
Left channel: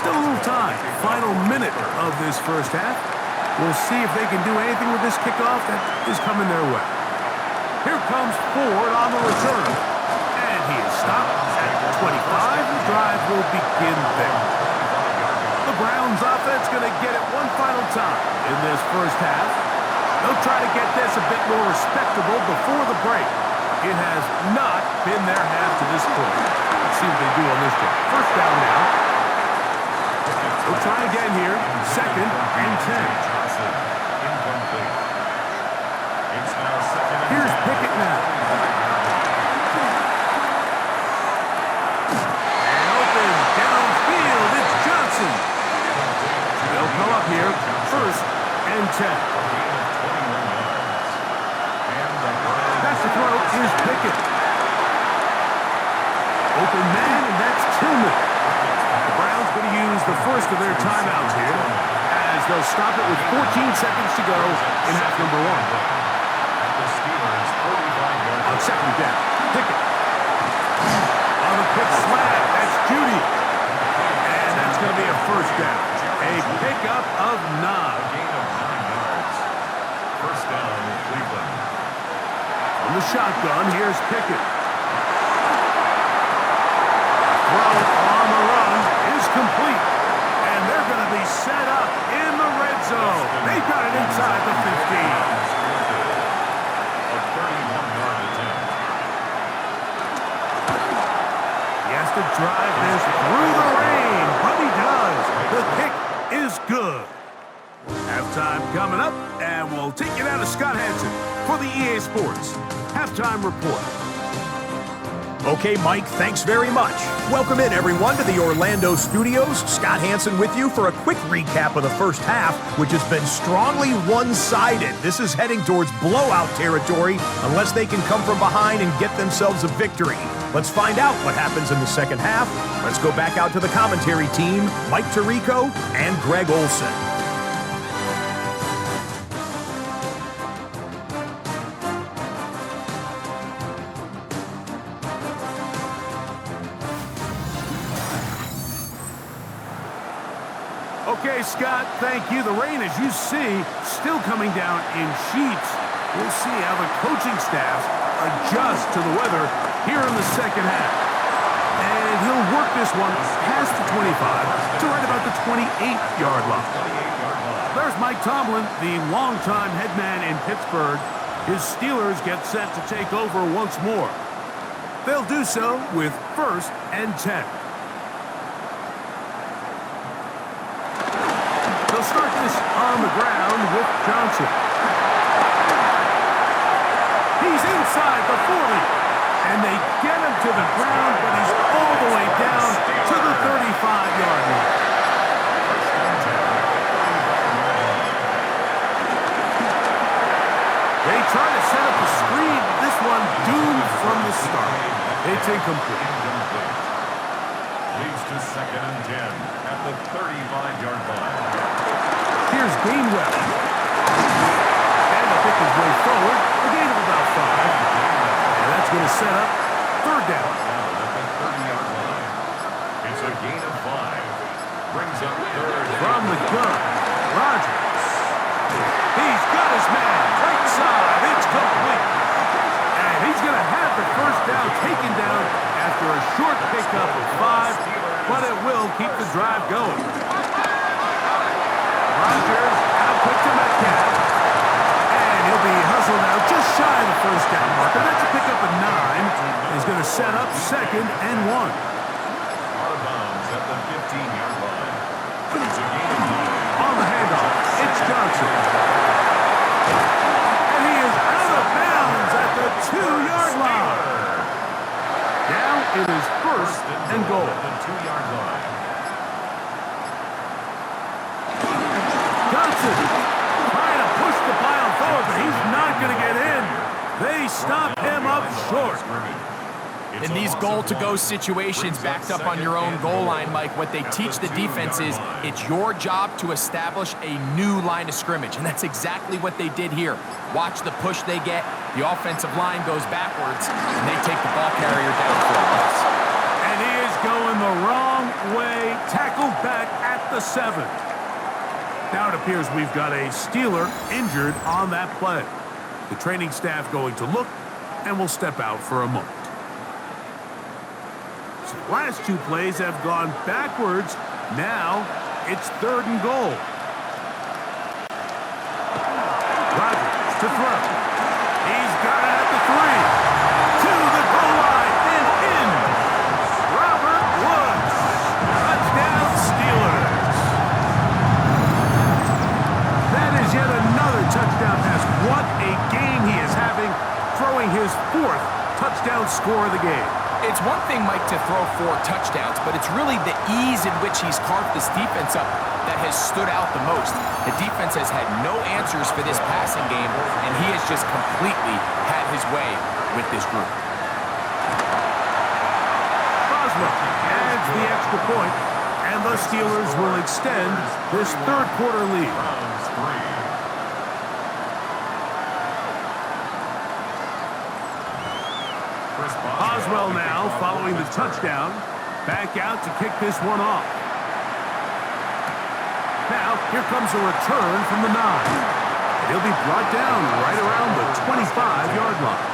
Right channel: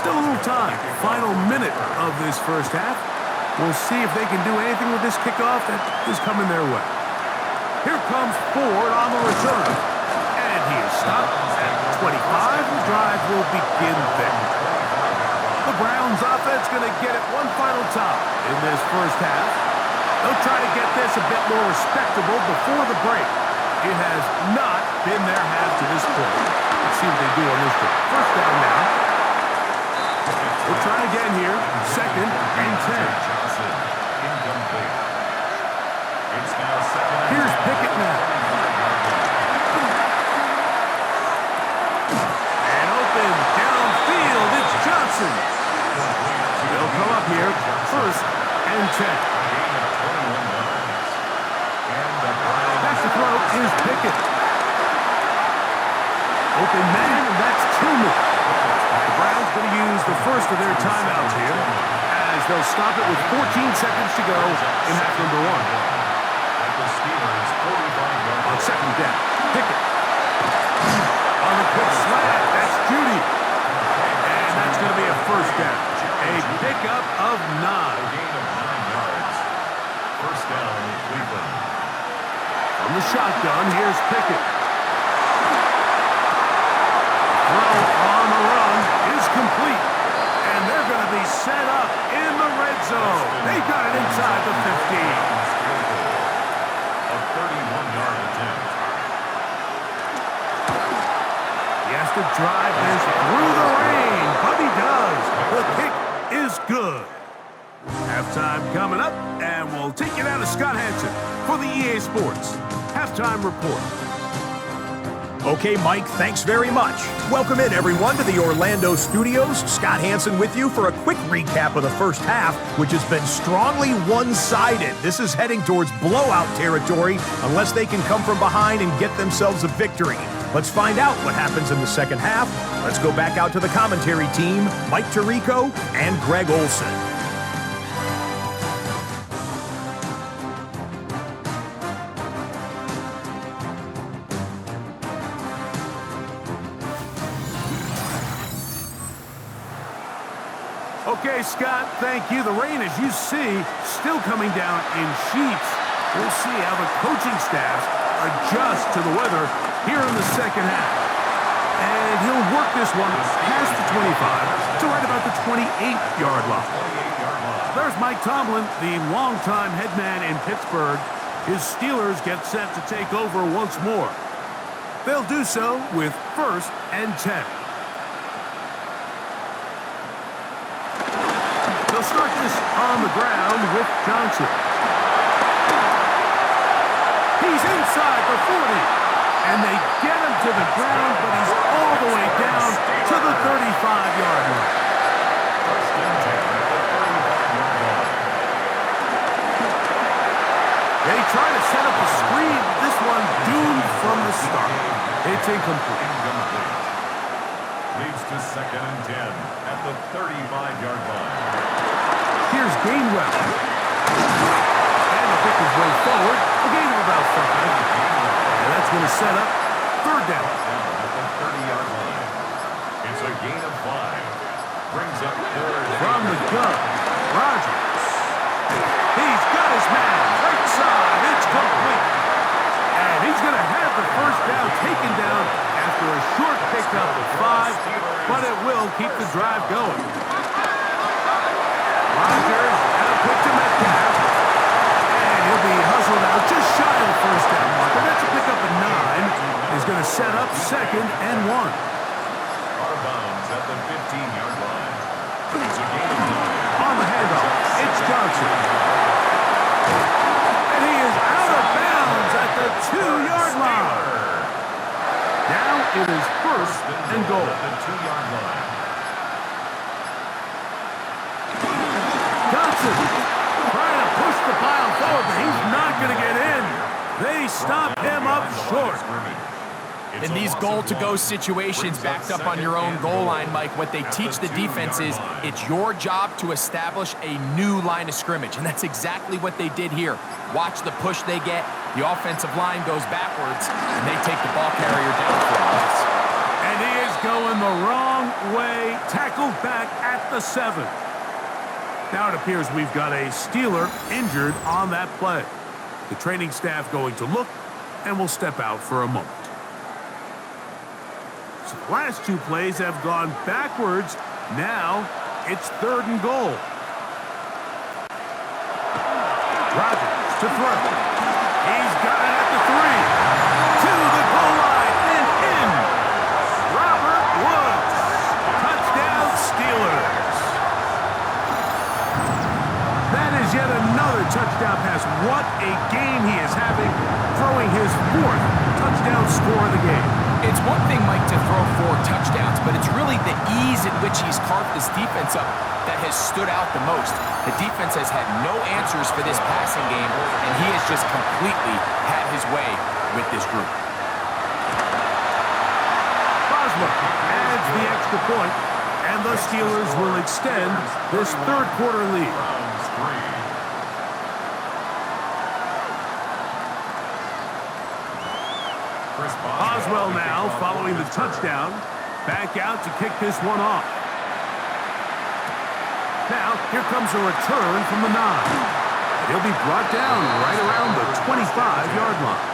Still a little time. Final minute of this first half. We'll see if they can do anything with this kickoff that is coming their way. Here comes Ford on the return. And he is stopped at 25. The drive will begin there. The Browns offense going to get it one final time in this first half. They'll try to get this a bit more respectable before the break. It has not been their half to this point. Let's see what they do on this drive. First down now. We'll try again here. 2nd and 10. Incomplete. It's now 2nd and 10. Here's Pickett now. And open downfield. It's Johnson. They'll come up here. 1st and 10. Back to throw is Pickett. Open man, and that's Tillman. The Browns going to use the first of their timeouts here as they'll stop it with 14 seconds to go in half number 1. On 2nd down, Pickett. On the quick slant, that's Judy. And that's going to be a first down. A pickup of 9. Gain of 9 yards. First down, Cleveland. From the shotgun, here's Pickett. Throw on the run is complete. And they're going to be set up in the red zone. They've got it inside the 15. A 31-yard attempt. He has to drive this through the rain, but he does. The kick is good. Halftime coming up, and we'll take you down to Scott Hansen for the EA Sports Halftime Report. Okay, Mike, thanks very much. Welcome in, everyone, to the Orlando studios. Scott Hansen with you for a quick recap of the first half, which has been strongly one-sided. This is heading towards blowout territory unless they can come from behind and get themselves a victory. Let's find out what happens in the second half. Let's go back out to the commentary team, Mike Tirico and Greg Olson. Okay, Scott, thank you. The rain, as you see, still coming down in sheets. We'll see how the coaching staffs adjust to the weather here in the second half. And he'll work this one past the 25 to right about the 28-yard line. There's Mike Tomlin, the longtime head man in Pittsburgh. His Steelers get set to take over once more. They'll do so with 1st and 10. They'll start this on the ground with Johnson. He's inside the 40. And they get him to the ground, but he's all the way down to the 35-yard line. They try to set up a screen, but this one doomed from the start. It's incomplete. Leads to 2nd and 10 at the 35-yard line. Here's Gainwell. And he'll pick his way forward. A gain of about 5. And that's going to set up 3rd down. Down at the 30-yard line. It's a gain of 5. Brings up 3rd. From the gun, Rodgers. He's got his man. Right side. It's complete. And he's going to have the 1st down taken down after a short pickup of 5, but it will keep the drive going. Rodgers out quick to Metcalf. And he'll be hustled out just shy of the 1st down marker. That's a pickup of 9. He's going to set up 2nd and 1. Out of bounds at the 15-yard line. It's a gain of 9. On the handoff, it's Johnson. And he is out of bounds at the 2-yard line. Now it is 1st and goal. At the 2-yard line. Johnson trying to push the pile forward, but he's not going to get in. They stop him up short. In these goal-to-go situations backed up on your own goal line, Mike, what they teach the defense is it's your job to establish a new line of scrimmage, and that's exactly what they did here. Watch the push they get. The offensive line goes backwards, and they take the ball carrier down for a loss. And he is going the wrong way, tackled back at the 7. Now it appears we've got a Steeler injured on that play. The training staff going to look, and will step out for a moment. So the last 2 plays have gone backwards. Now it's 3rd and goal. Rodgers to throw. He's got it at the 3. To the goal line and in. Robert Woods. Touchdown Steelers. That is yet another touchdown pass. What a game he is having, throwing his 4th touchdown score of the game. It's one thing, Mike, to throw 4 touchdowns, but it's really the ease in which he's carved this defense up that has stood out the most. The defense has had no answers for this passing game, and he has just completely had his way with this group. Boswell adds the extra point, and the Steelers will extend this 3rd quarter lead. Browns 3. Boswell now following the touchdown. Back out to kick this one off. Now, here comes a return from the 9. And he'll be brought down right around the 25-yard line.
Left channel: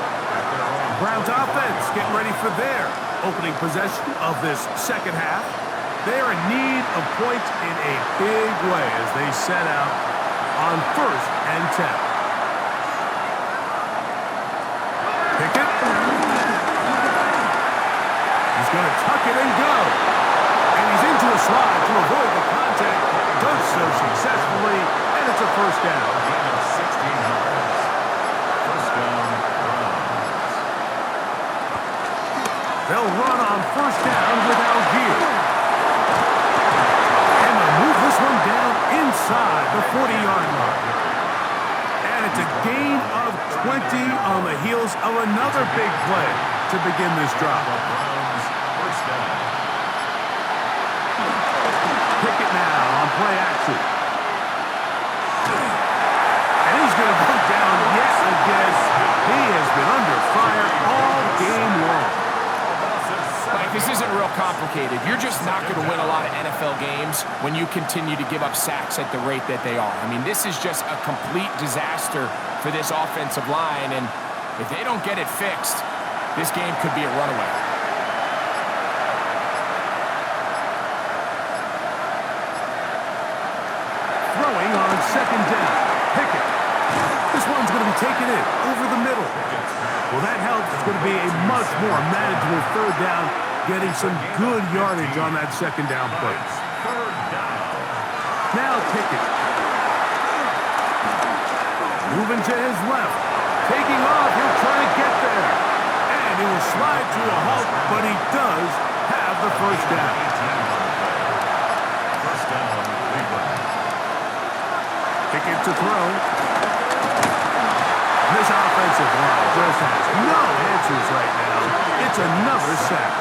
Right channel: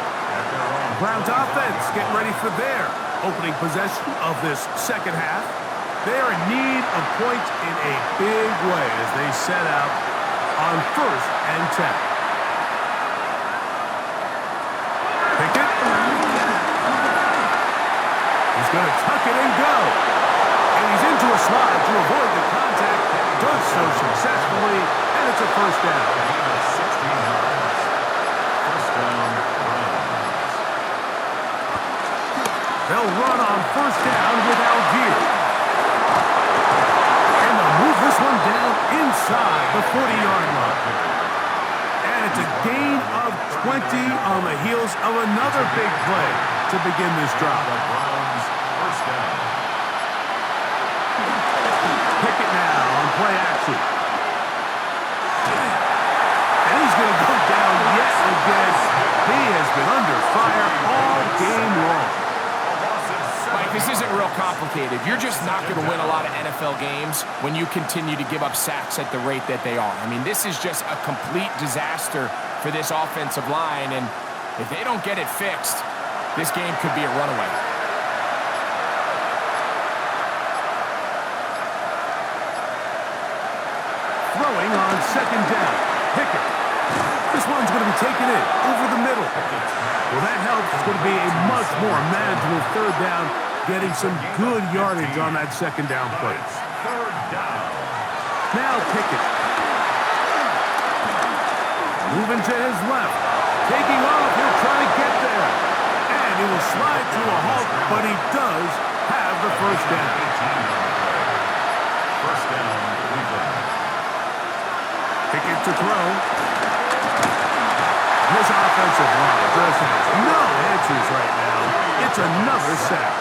Browns offense getting ready for their opening possession of this 2nd half. They are in need of points in a big way as they set out on 1st and 10. Pickett. He's going to tuck it and go. And he's into a slide to avoid the contact. Does so successfully, and it's a 1st down. Gain of 16 yards. 1st down, Browns. They'll run on 1st down with Algier. And they'll move this one down inside the 40-yard line. And it's a gain of 20 on the heels of another big play to begin this drive. The Browns, 1st down. Pickett now on play action. And he's going to go down yet again. He has been under fire all game long. Mike, this isn't real complicated. You're just not going to win a lot of NFL games when you continue to give up sacks at the rate that they are. I mean, this is just a complete disaster for this offensive line, and if they don't get it fixed, this game could be a runaway. Throwing on 2nd down. Pickett. This one's going to be taken in over the middle. Well, that helps. It's going to be a much more manageable 3rd down, getting some good yardage on that 2nd down play. 3rd down. Now Pickett. Moving to his left. Taking off. He'll try to get there. And he will slide to a halt, but he does have the 1st down. 18 on the play. 1st down, Cleveland. Pickett to throw. This offensive line just has no answers right now. It's another sack.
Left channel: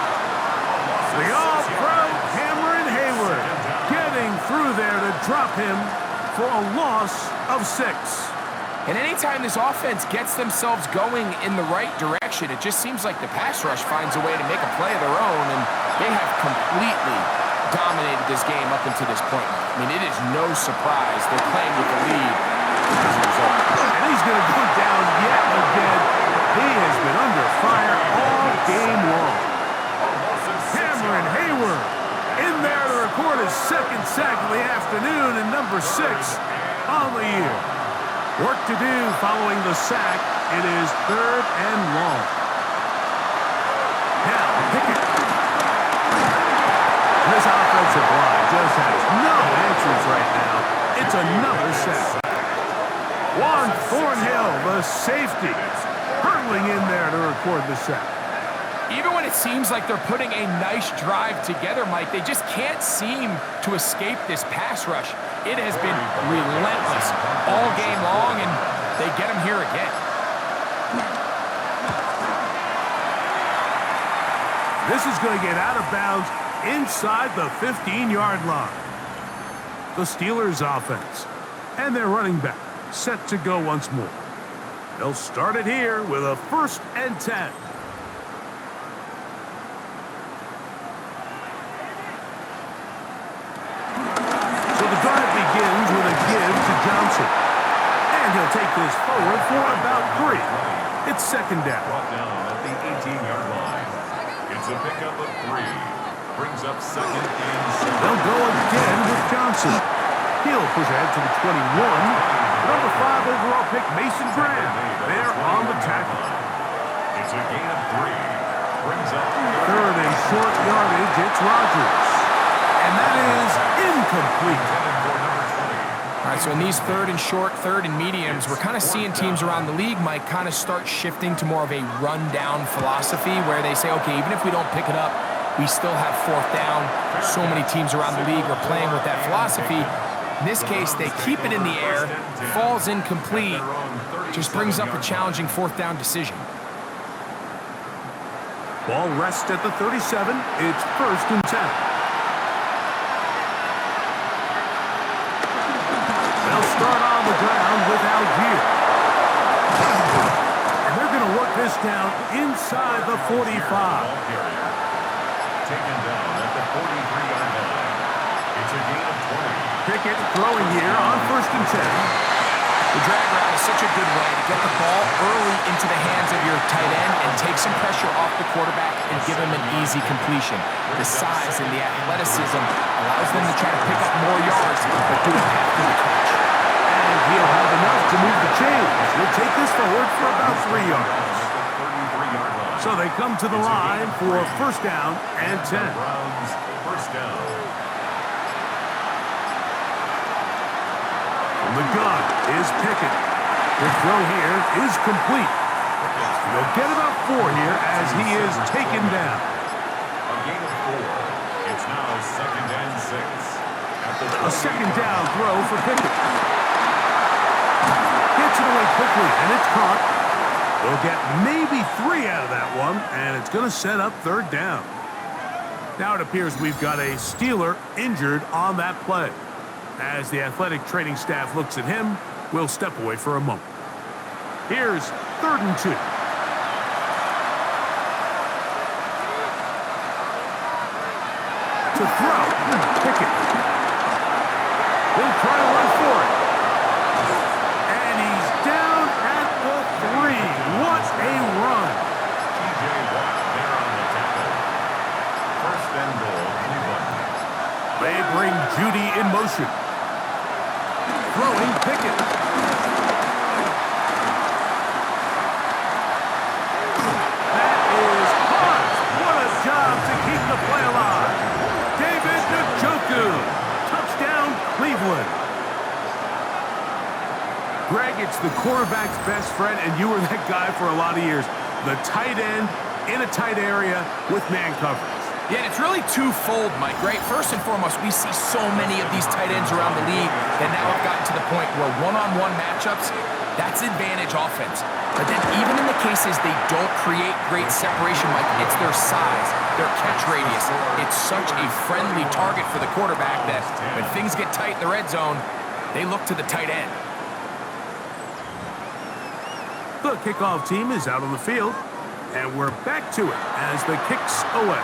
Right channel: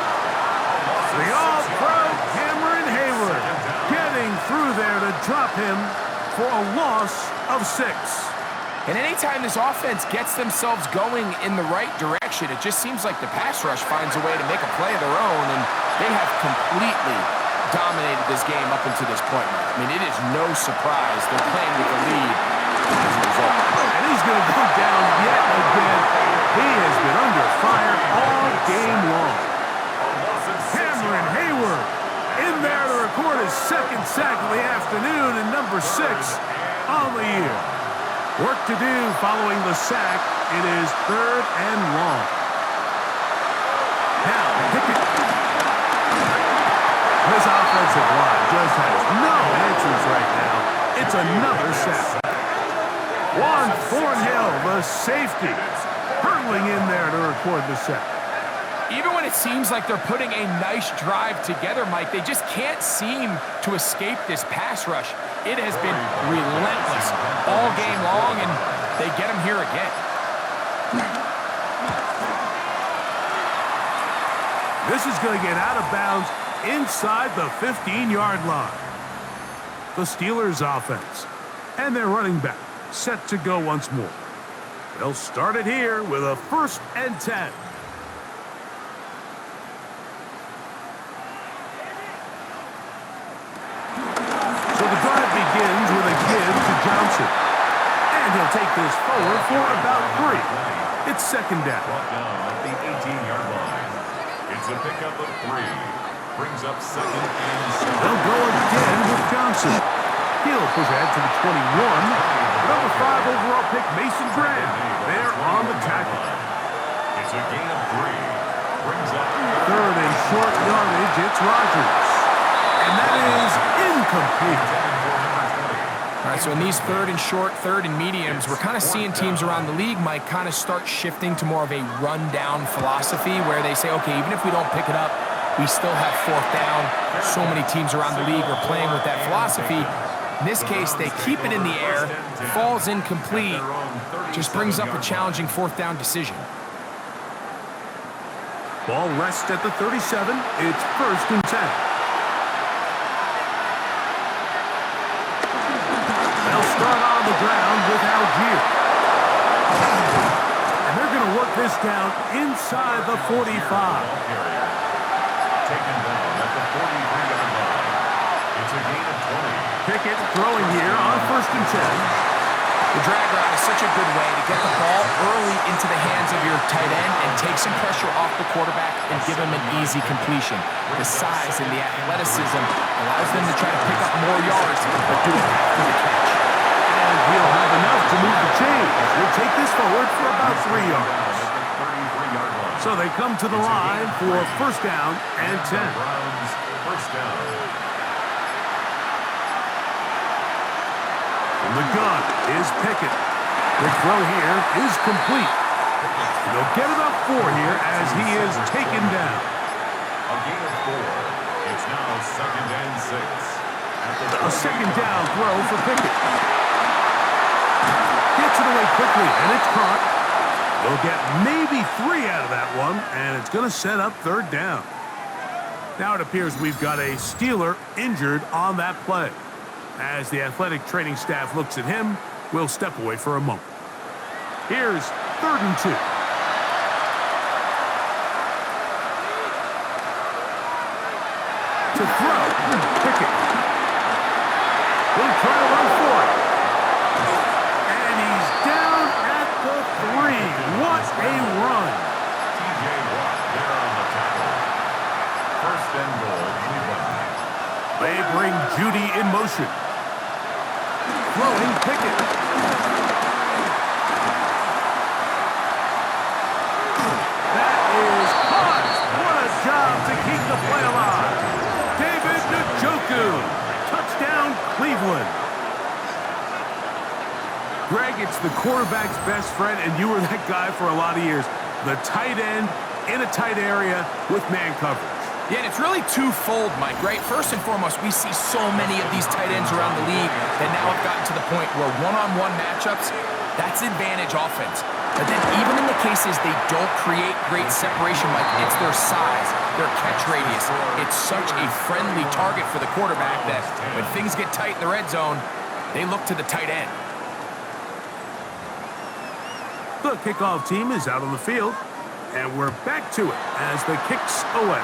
The All-Pro Cameron Hayward getting through there to drop him for a loss of 6. And anytime this offense gets themselves going in the right direction, it just seems like the pass rush finds a way to make a play of their own, and they have completely dominated this game up until this point. I mean, it is no surprise they're playing with the lead as a result. And he's going to go down yet again. He has been under fire all game long. Cameron Hayward in there to record his 2nd sack of the afternoon and number 6 on the year. Work to do following the sack. It is 3rd and long. Now, Pickett. This offensive line just has no answers right now. It's another sack. Juan Thornhill, the safety, hurtling in there to record the sack. Even when it seems like they're putting a nice drive together, Mike, they just can't seem to escape this pass rush. It has been relentless all game long, and they get him here again. This is going to get out of bounds inside the 15-yard line. The Steelers offense and their running back set to go once more. They'll start it here with a 1st and 10. So the drive begins with a give to Johnson. And he'll take this forward for about 3. It's 2nd down. Brought down at the 18-yard line. It's a pickup of 3. Brings up 2nd and 7. They'll go again with Johnson. He'll push ahead to the 21. Number 5 overall pick, Mason Graham. They're on the tackle. It's a gain of 3. Brings up 3rd and short yardage. It's Rodgers. And that is incomplete. All right, so in these 3rd and short, 3rd and mediums, we're kind of seeing teams around the league, Mike, kind of start shifting to more of a run-down philosophy where they say, okay, even if we don't pick it up, we still have 4th down. So many teams around the league are playing with that philosophy. In this case, they keep it in the air, falls incomplete, just brings up a challenging 4th down decision. Ball rests at the 37. It's 1st and 10. They'll start on the ground with Algier. And they're going to work this down inside the 45. Taken down at the 43-yard line. It's a gain of 20. Pickett throwing here on 1st and 10. The drag route is such a good way to get the ball early into the hands of your tight end and take some pressure off the quarterback and give him an easy completion. The size and the athleticism allows them to try to pick up more yards, but do it after the catch. And he'll have enough to move the chains. He'll take this forward for about 3 yards. So they come to the line for 1st down and 10. Browns, 1st down. From the gun is Pickett. The throw here is complete. They'll get about 4 here as he is taken down. A gain of 4. It's now 2nd and 6. A 2nd down throw for Pickett. Gets it away quickly, and it's caught. They'll get maybe 3 out of that one, and it's going to set up 3rd down. Now it appears we've got a Steeler injured on that play. As the athletic training staff looks at him, we'll step away for a moment. Here's 3rd and 2. To throw, Pickett. He'll try to run for it. And he's down at the 3. What a run. T.J. Watt there on the tackle. 1st and goal, Cleveland. They bring Judy in motion. Throwing Pickett. That is caught. What a job to keep the play alive. David Njoku. Touchdown, Cleveland. Greg, it's the quarterback's best friend, and you were that guy for a lot of years. The tight end in a tight area with man coverage. Yeah, and it's really twofold, Mike, right? First and foremost, we see so many of these tight ends around the league that now have gotten to the point where one-on-one matchups, That's advantage offense. But then even in the cases they don't create great separation, Mike, it's their size, their catch radius. It's such a friendly target for the quarterback that when things get tight in the red zone, they look to the tight end. The kickoff team is out on the field, and we're back to it as the kick's away.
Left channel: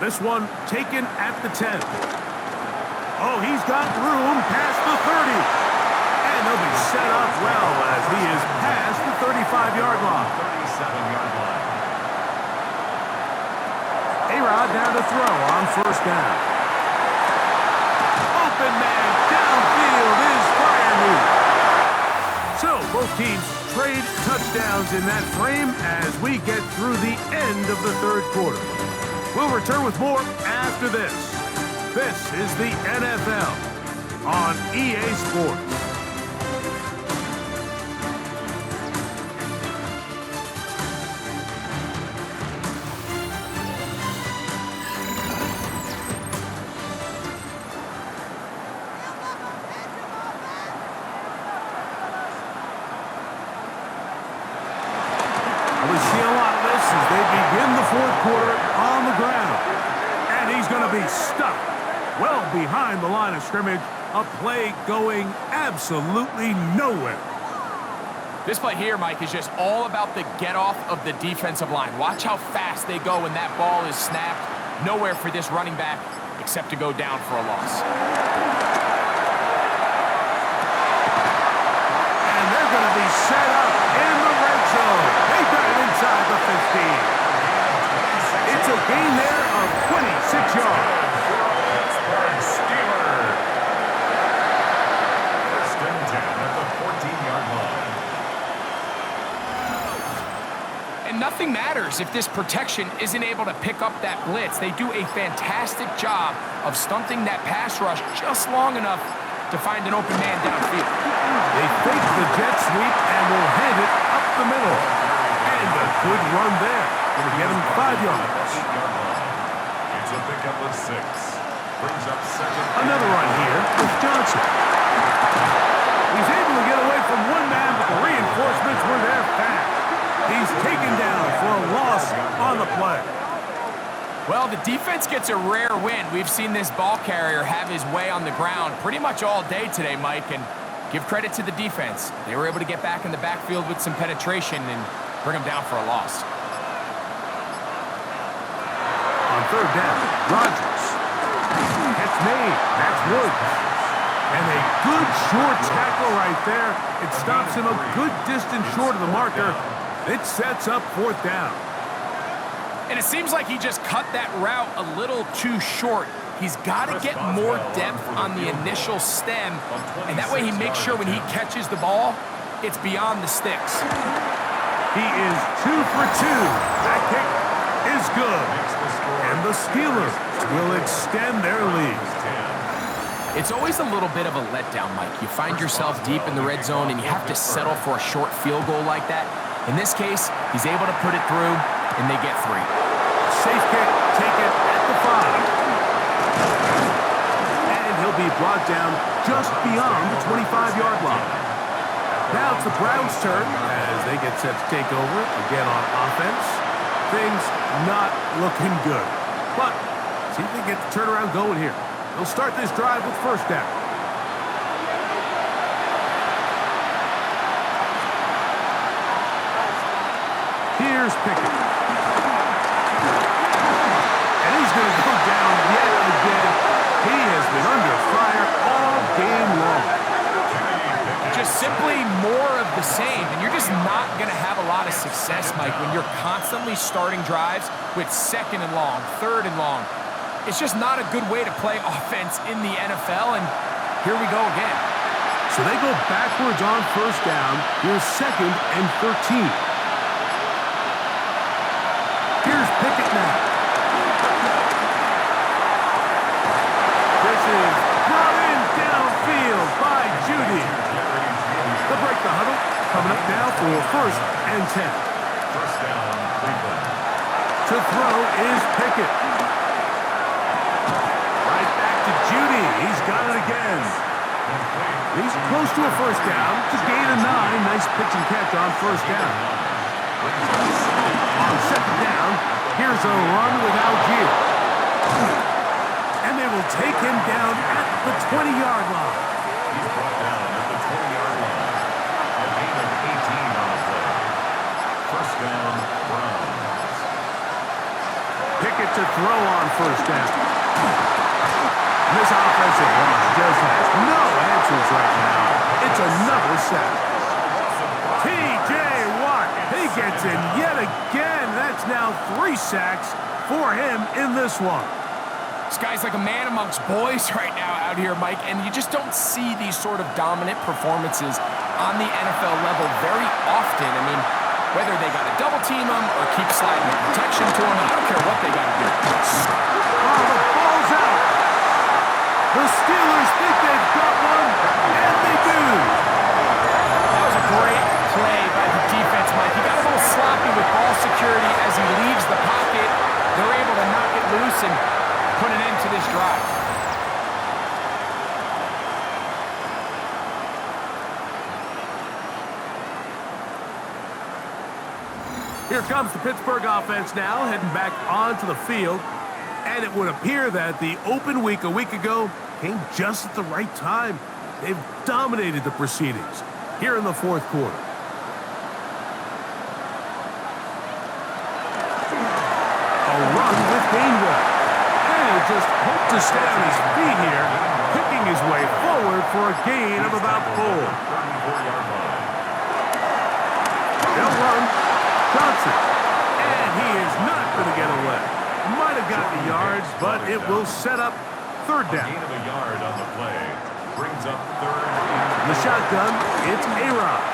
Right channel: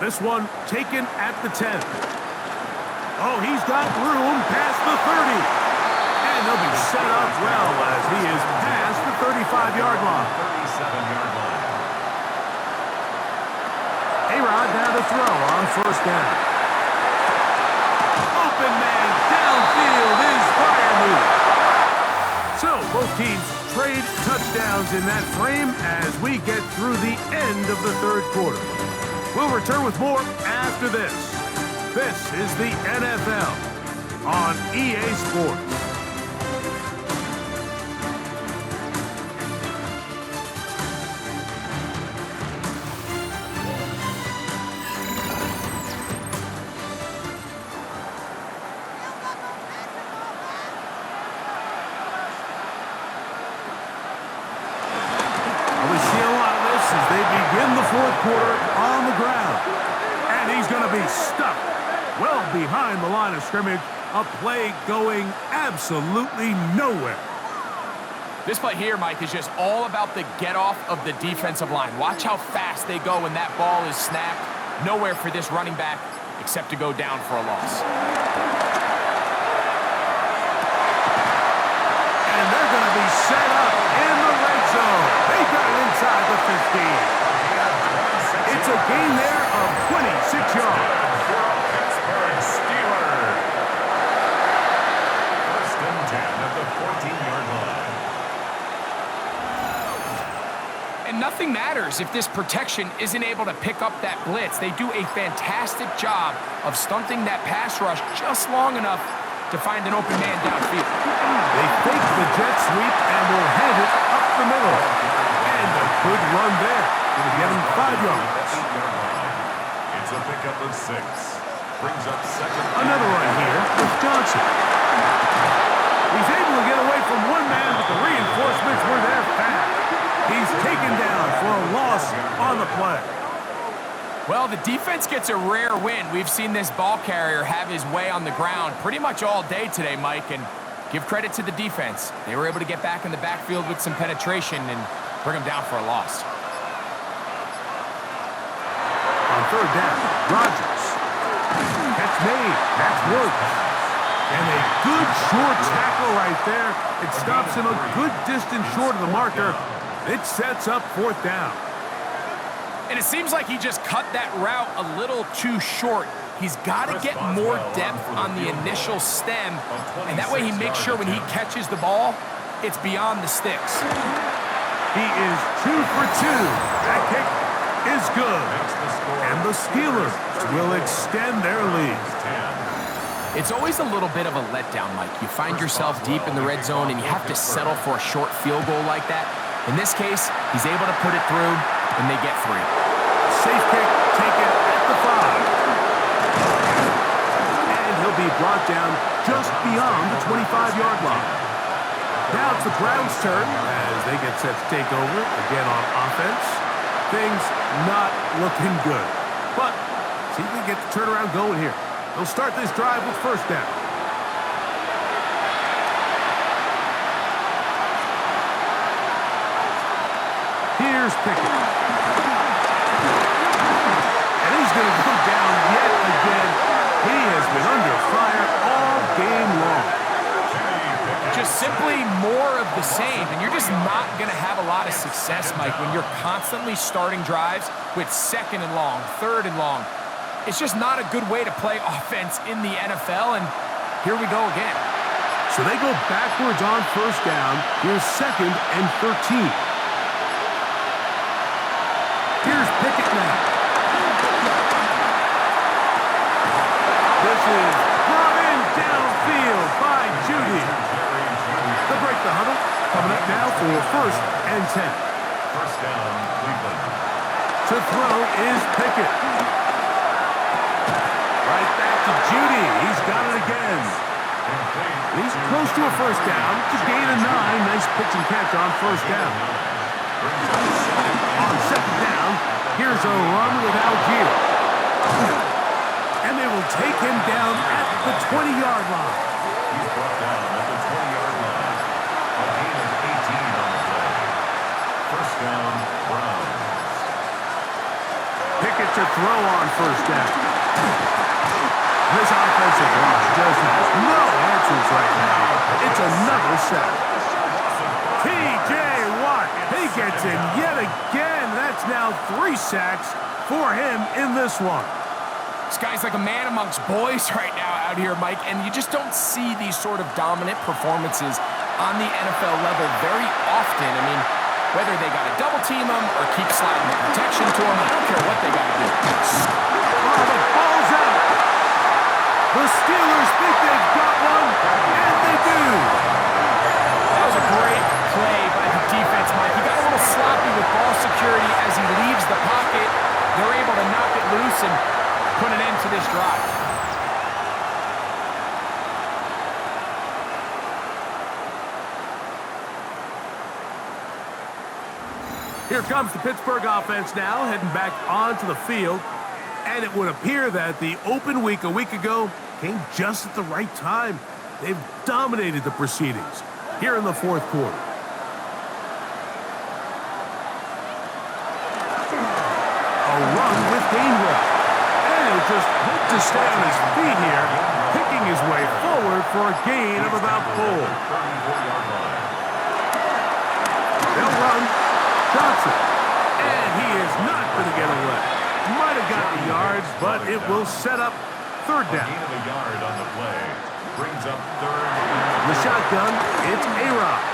This one taken at the 10. Oh, he's got room past the 30. And they'll be set up well as he is past the 35-yard line. 37-yard line. A-Rod down to throw on first down. Open man downfield is Freiermuth. So both teams trade touchdowns in that frame as we get through the end of the third quarter. We'll return with more after this. This is the NFL on EA Sports. We see a lot of this as they begin the fourth quarter on the ground. And he's going to be stuck well behind the line of scrimmage. A play going absolutely nowhere. This play here, Mike, is just all about the get-off of the defensive line. Watch how fast they go when that ball is snapped. Nowhere for this running back except to go down for a loss. And they're going to be set up in the red zone. They got it inside the 15. It's a gain there of 26 yards. For a Pittsburgh Steeler. First and 10 at the 14-yard line. And nothing matters if this protection isn't able to pick up that blitz. They do a fantastic job of stunting that pass rush just long enough to find an open man downfield. They fake the jet sweep and will hand it up the middle. And a good run there. Going to get him 5 yards. 8-yard line. It's a pickup of 6. Brings up second. Another run here with Johnson. He's able to get away from one man, but the reinforcements were there fast. He's taken down for a loss on the play. Well, the defense gets a rare win. We've seen this ball carrier have his way on the ground pretty much all day today, Mike, and give credit to the defense. They were able to get back in the backfield with some penetration and bring them down for a loss. On third down, Rodgers. Catch made. That's Woods. And a good short tackle right there. It stops him a good distance short of the marker. It sets up fourth down. And it seems like he just cut that route a little too short. He's got to get more depth on the initial stem, and that way he makes sure when he catches the ball, it's beyond the sticks. He is 2 for 2. That kick is good. And the Steelers will extend their lead. It's always a little bit of a letdown, Mike. You find yourself deep in the red zone, and you have to settle for a short field goal like that. In this case, he's able to put it through, and they get 3. Safe kick taken at the 5. And he'll be brought down just beyond the 25-yard line. Now it's the Browns' turn as they get set to take over again on offense. Things not looking good. But see if they get the turnaround going here. They'll start this drive with first down. Here's Pickett. And he's going to go down yet again. He has been under fire all game long. Just simply more of the same, and you're just not going to have a lot of success, Mike, when you're constantly starting drives with second and long, third and long. It's just not a good way to play offense in the NFL, and here we go again. So they go backwards on first down. Here's second and 13. Here's Pickett now. This is brought in downfield by Judy. They'll break the huddle. Coming up now for first and 10. First down, Cleveland. To throw is Pickett. Right back to Judy. He's got it again. Complete. He's close to a first down. It's a gain of 9. Nice pitch and catch on first down. On second down, here's a run with Algier. And they will take him down at the 20-yard line. He's brought down at the 20-yard line. A gain of 18 on the play. First down, Browns. Pickett to throw on first down. This offensive line just has no answers right now. It's another sack. T.J. Watt, he gets in yet again. That's now 3 sacks for him in this one. This guy's like a man amongst boys right now out here, Mike, and you just don't see these sort of dominant performances on the NFL level very often. I mean, whether they got to double team him or keep sliding the protection to him, I don't care what they got to do. Oh, the ball's out. The Steelers think they've got one, and they do. That was a great play by the defense, Mike. He got a little sloppy with ball security as he leaves the pocket. They're able to knock it loose and put an end to this drive. Here comes the Pittsburgh offense now, heading back onto the field. And it would appear that the open week a week ago came just at the right time. They've dominated the proceedings here in the fourth quarter. A run with Gainwell. And he'll just hope to stay on his feet here, picking his way forward for a gain of about 4. 34-yard line. They'll run. Johnson. And he is not going to get away. Might have got the yards, but it will set up third A down. gain of a yard on the play. Brings up third and The shotgun, it's A-Rod.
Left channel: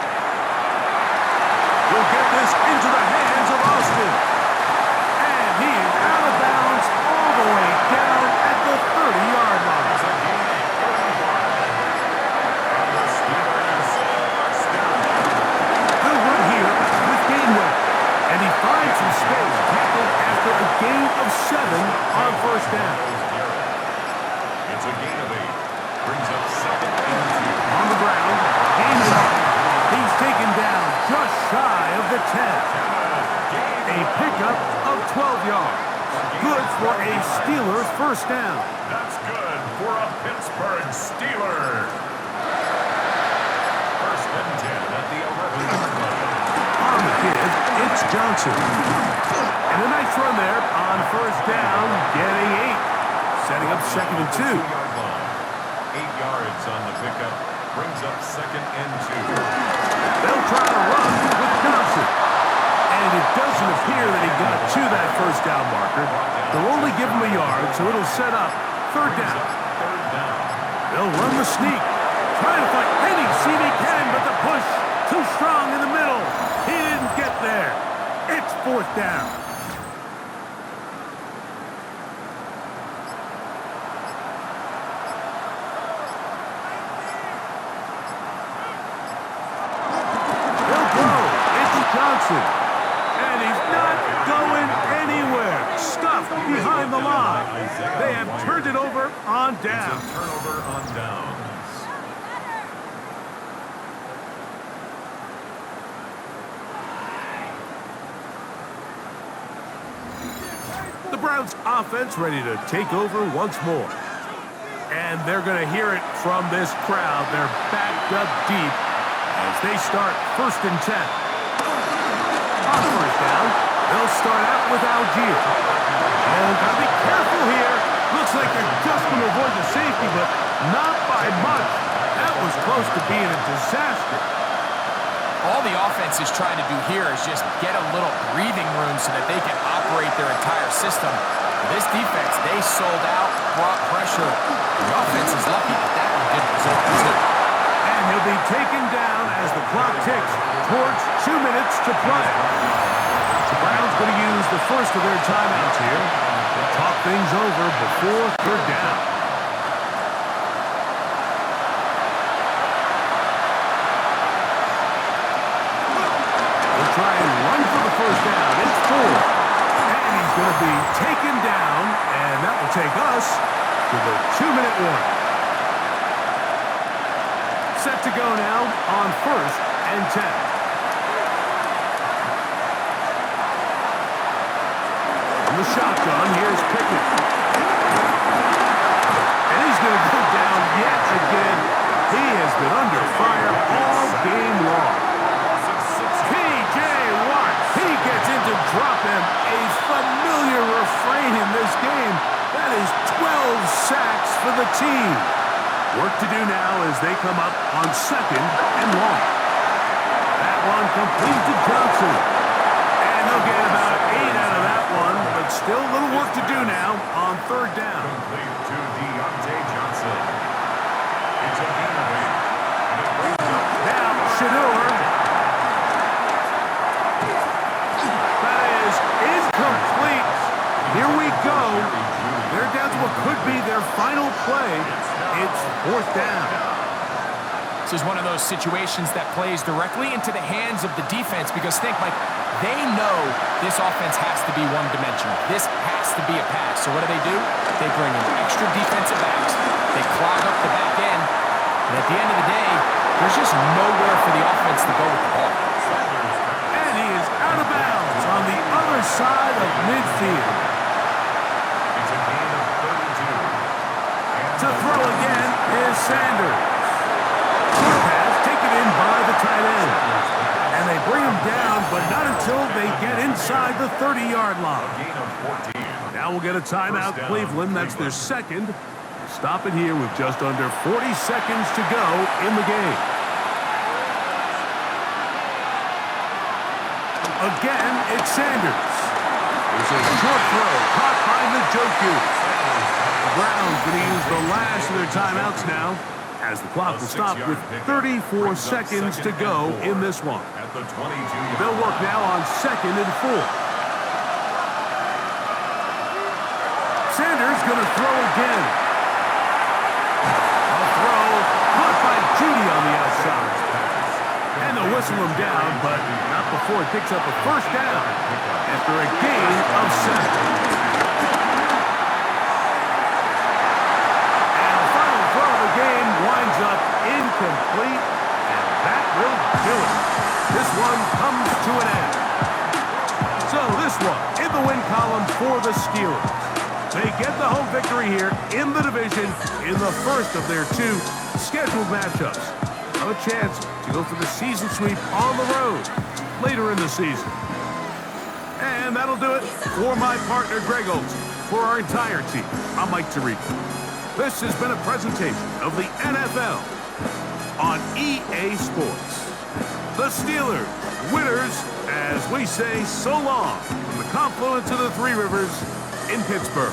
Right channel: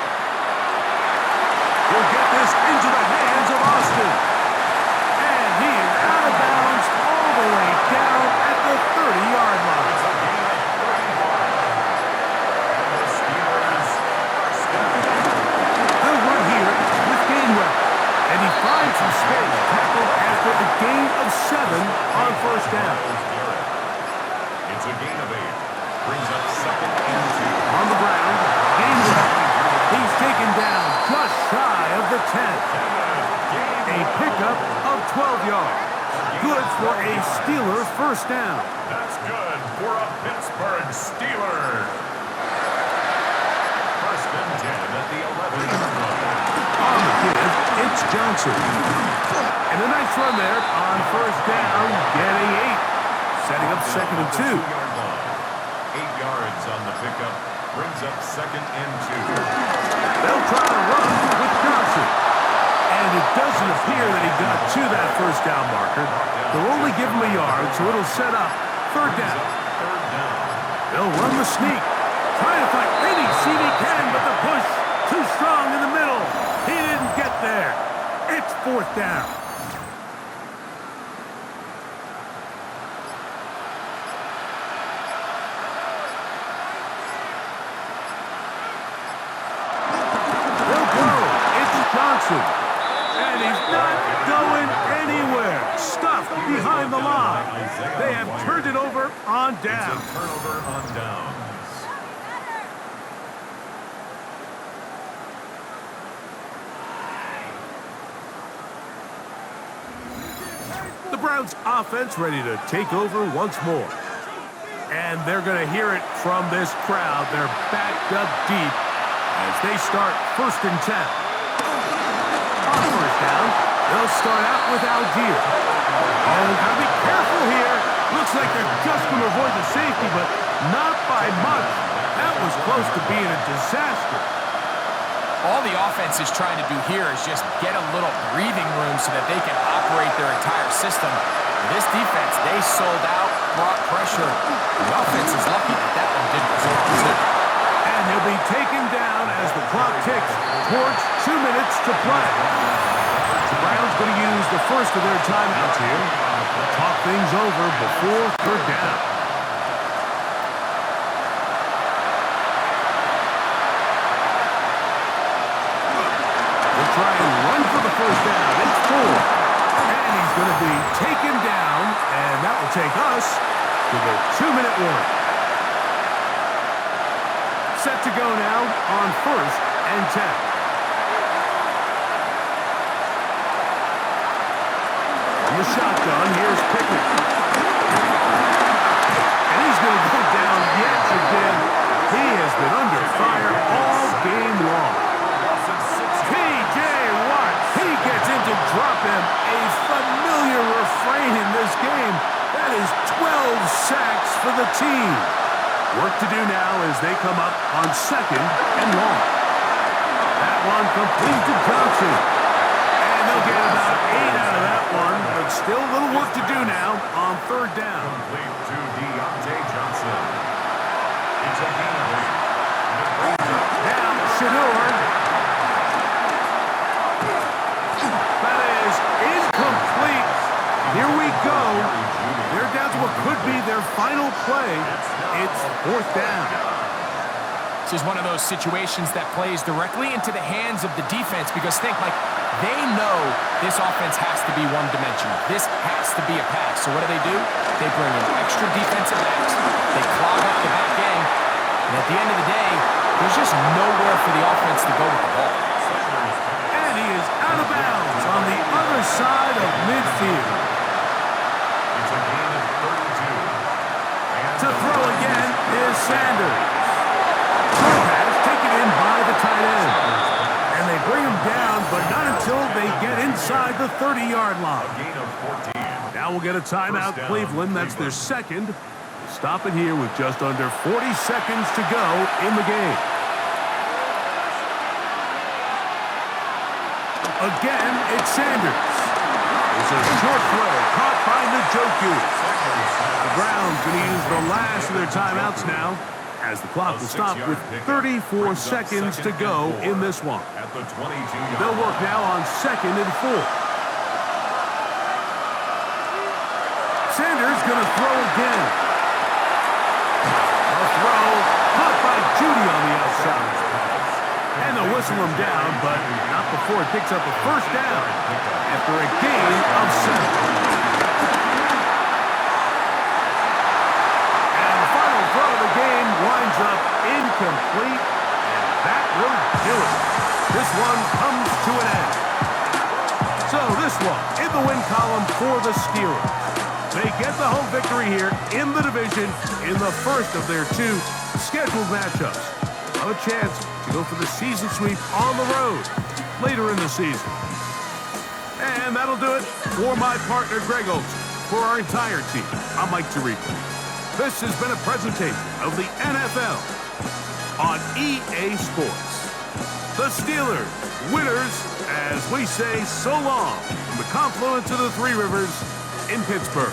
He'll get this into the hands of Austin. And he is out of bounds all the way down at the 30-yard line. it's a gain of 35. And the Steelers are stepping in. They'll run here with Gainwell. And he finds some space, tackled after a gain of 7 on first down. It's a gain of 8. Brings up second and 2. On the ground, Gainwell. He's taken down just shy of the 10. A pickup of 12 yards. Good for a Steelers first down. That's good for a Pittsburgh Steeler. First and 10 at the 11-yard line. On the give, it's Johnson. And a nice run there on first down, getting 8. Setting up second and 2. 2-yard line. 8 yards on the pickup. Brings up second and 2. They'll try to run with Johnson. And it doesn't appear that he got to that first down marker. They'll only give him a yard, so it'll set up third Brings down. up third down. They'll run the sneak. Trying to find any seam he can, but the push too strong in the middle. He didn't get there. It's fourth down. They'll go. It's Johnson. And he's not going anywhere. Stuffed behind the line. They have turned it over on down. It's a turnover on downs. The Browns offense ready to take over once more. And they're going to hear it from this crowd. They're backed up deep as they start first and 10. On first down, they'll start out with Algier. Oh, gotta be careful here. Looks like they're just going to avoid the safety, but not by much. That was close to being a disaster. All the offense is trying to do here is just get a little breathing room so that they can operate their entire system. This defense, they sold out, brought pressure. The offense is lucky that that one didn't result in 2. And he'll be taken down as the clock ticks towards 2 minutes to play. The Browns going to use the first of their timeouts here to talk things over before third down. They'll try and run for the first down. It's 4. And he's going to be taken down, and that will take us to the 2-minute warning. set to go now on 1st and 10. From the shotgun, here's Pickett. And he's going to go down yet again. He has been under fire all game long. P.J. Watt, he gets in to drop him. A familiar refrain in this game. That is 12 sacks for the team. Work to do now as they come up on 2nd and long. That one complete to Johnson. And they'll get about 8 out of that one, but still a little work to do now on 3rd down. Complete to Deontay Johnson. It's a gain of 8. And it brings up Now, Shador. That is incomplete. Here we go. They're down to what could be their final play. It's 4th down. This is one of those situations that plays directly into the hands of the defense because think, Mike, they know this offense has to be one-dimensional. This has to be a pass. So what do? They bring in extra defensive backs. They clog up the back end. And at the end of the day, there's just nowhere for the offense to go with the ball. And he is out of bounds on the other side of midfield. It's a gain of 32. And To throw again is Sanders. Short pass taken in by the tight end. And they bring him down, but not until they get inside the 30-yard line. a gain of 14. Now we'll get a timeout, First down, Cleveland. That's their Cleveland. second. Stop it here with just under 40 seconds to go in the game. Again, it's Sanders. It's a short throw caught by Njoku. The Browns going to use the last of their timeouts now, as the clock will stop with 34 seconds to go in this one. At the 22-yard They'll work now on 2nd and 4. Sanders going to throw again. A throw caught by Judy on the outside. And they'll whistle him down, but not before it picks up a 1st down after a gain of 7. And the final throw of the game winds up incomplete, and that will do it. This one comes to an end. So this one in the win column for the Steelers. They get the home victory here in the division in the first of their 2 scheduled matchups. A chance to go for the season sweep on the road later in the season. And that'll do it for my partner, Greg Olson. For our entire team, I'm Mike Tirico. This has been a presentation of the NFL on EA Sports. The Steelers, winners, as we say so long from the confluence of the 3 rivers in Pittsburgh.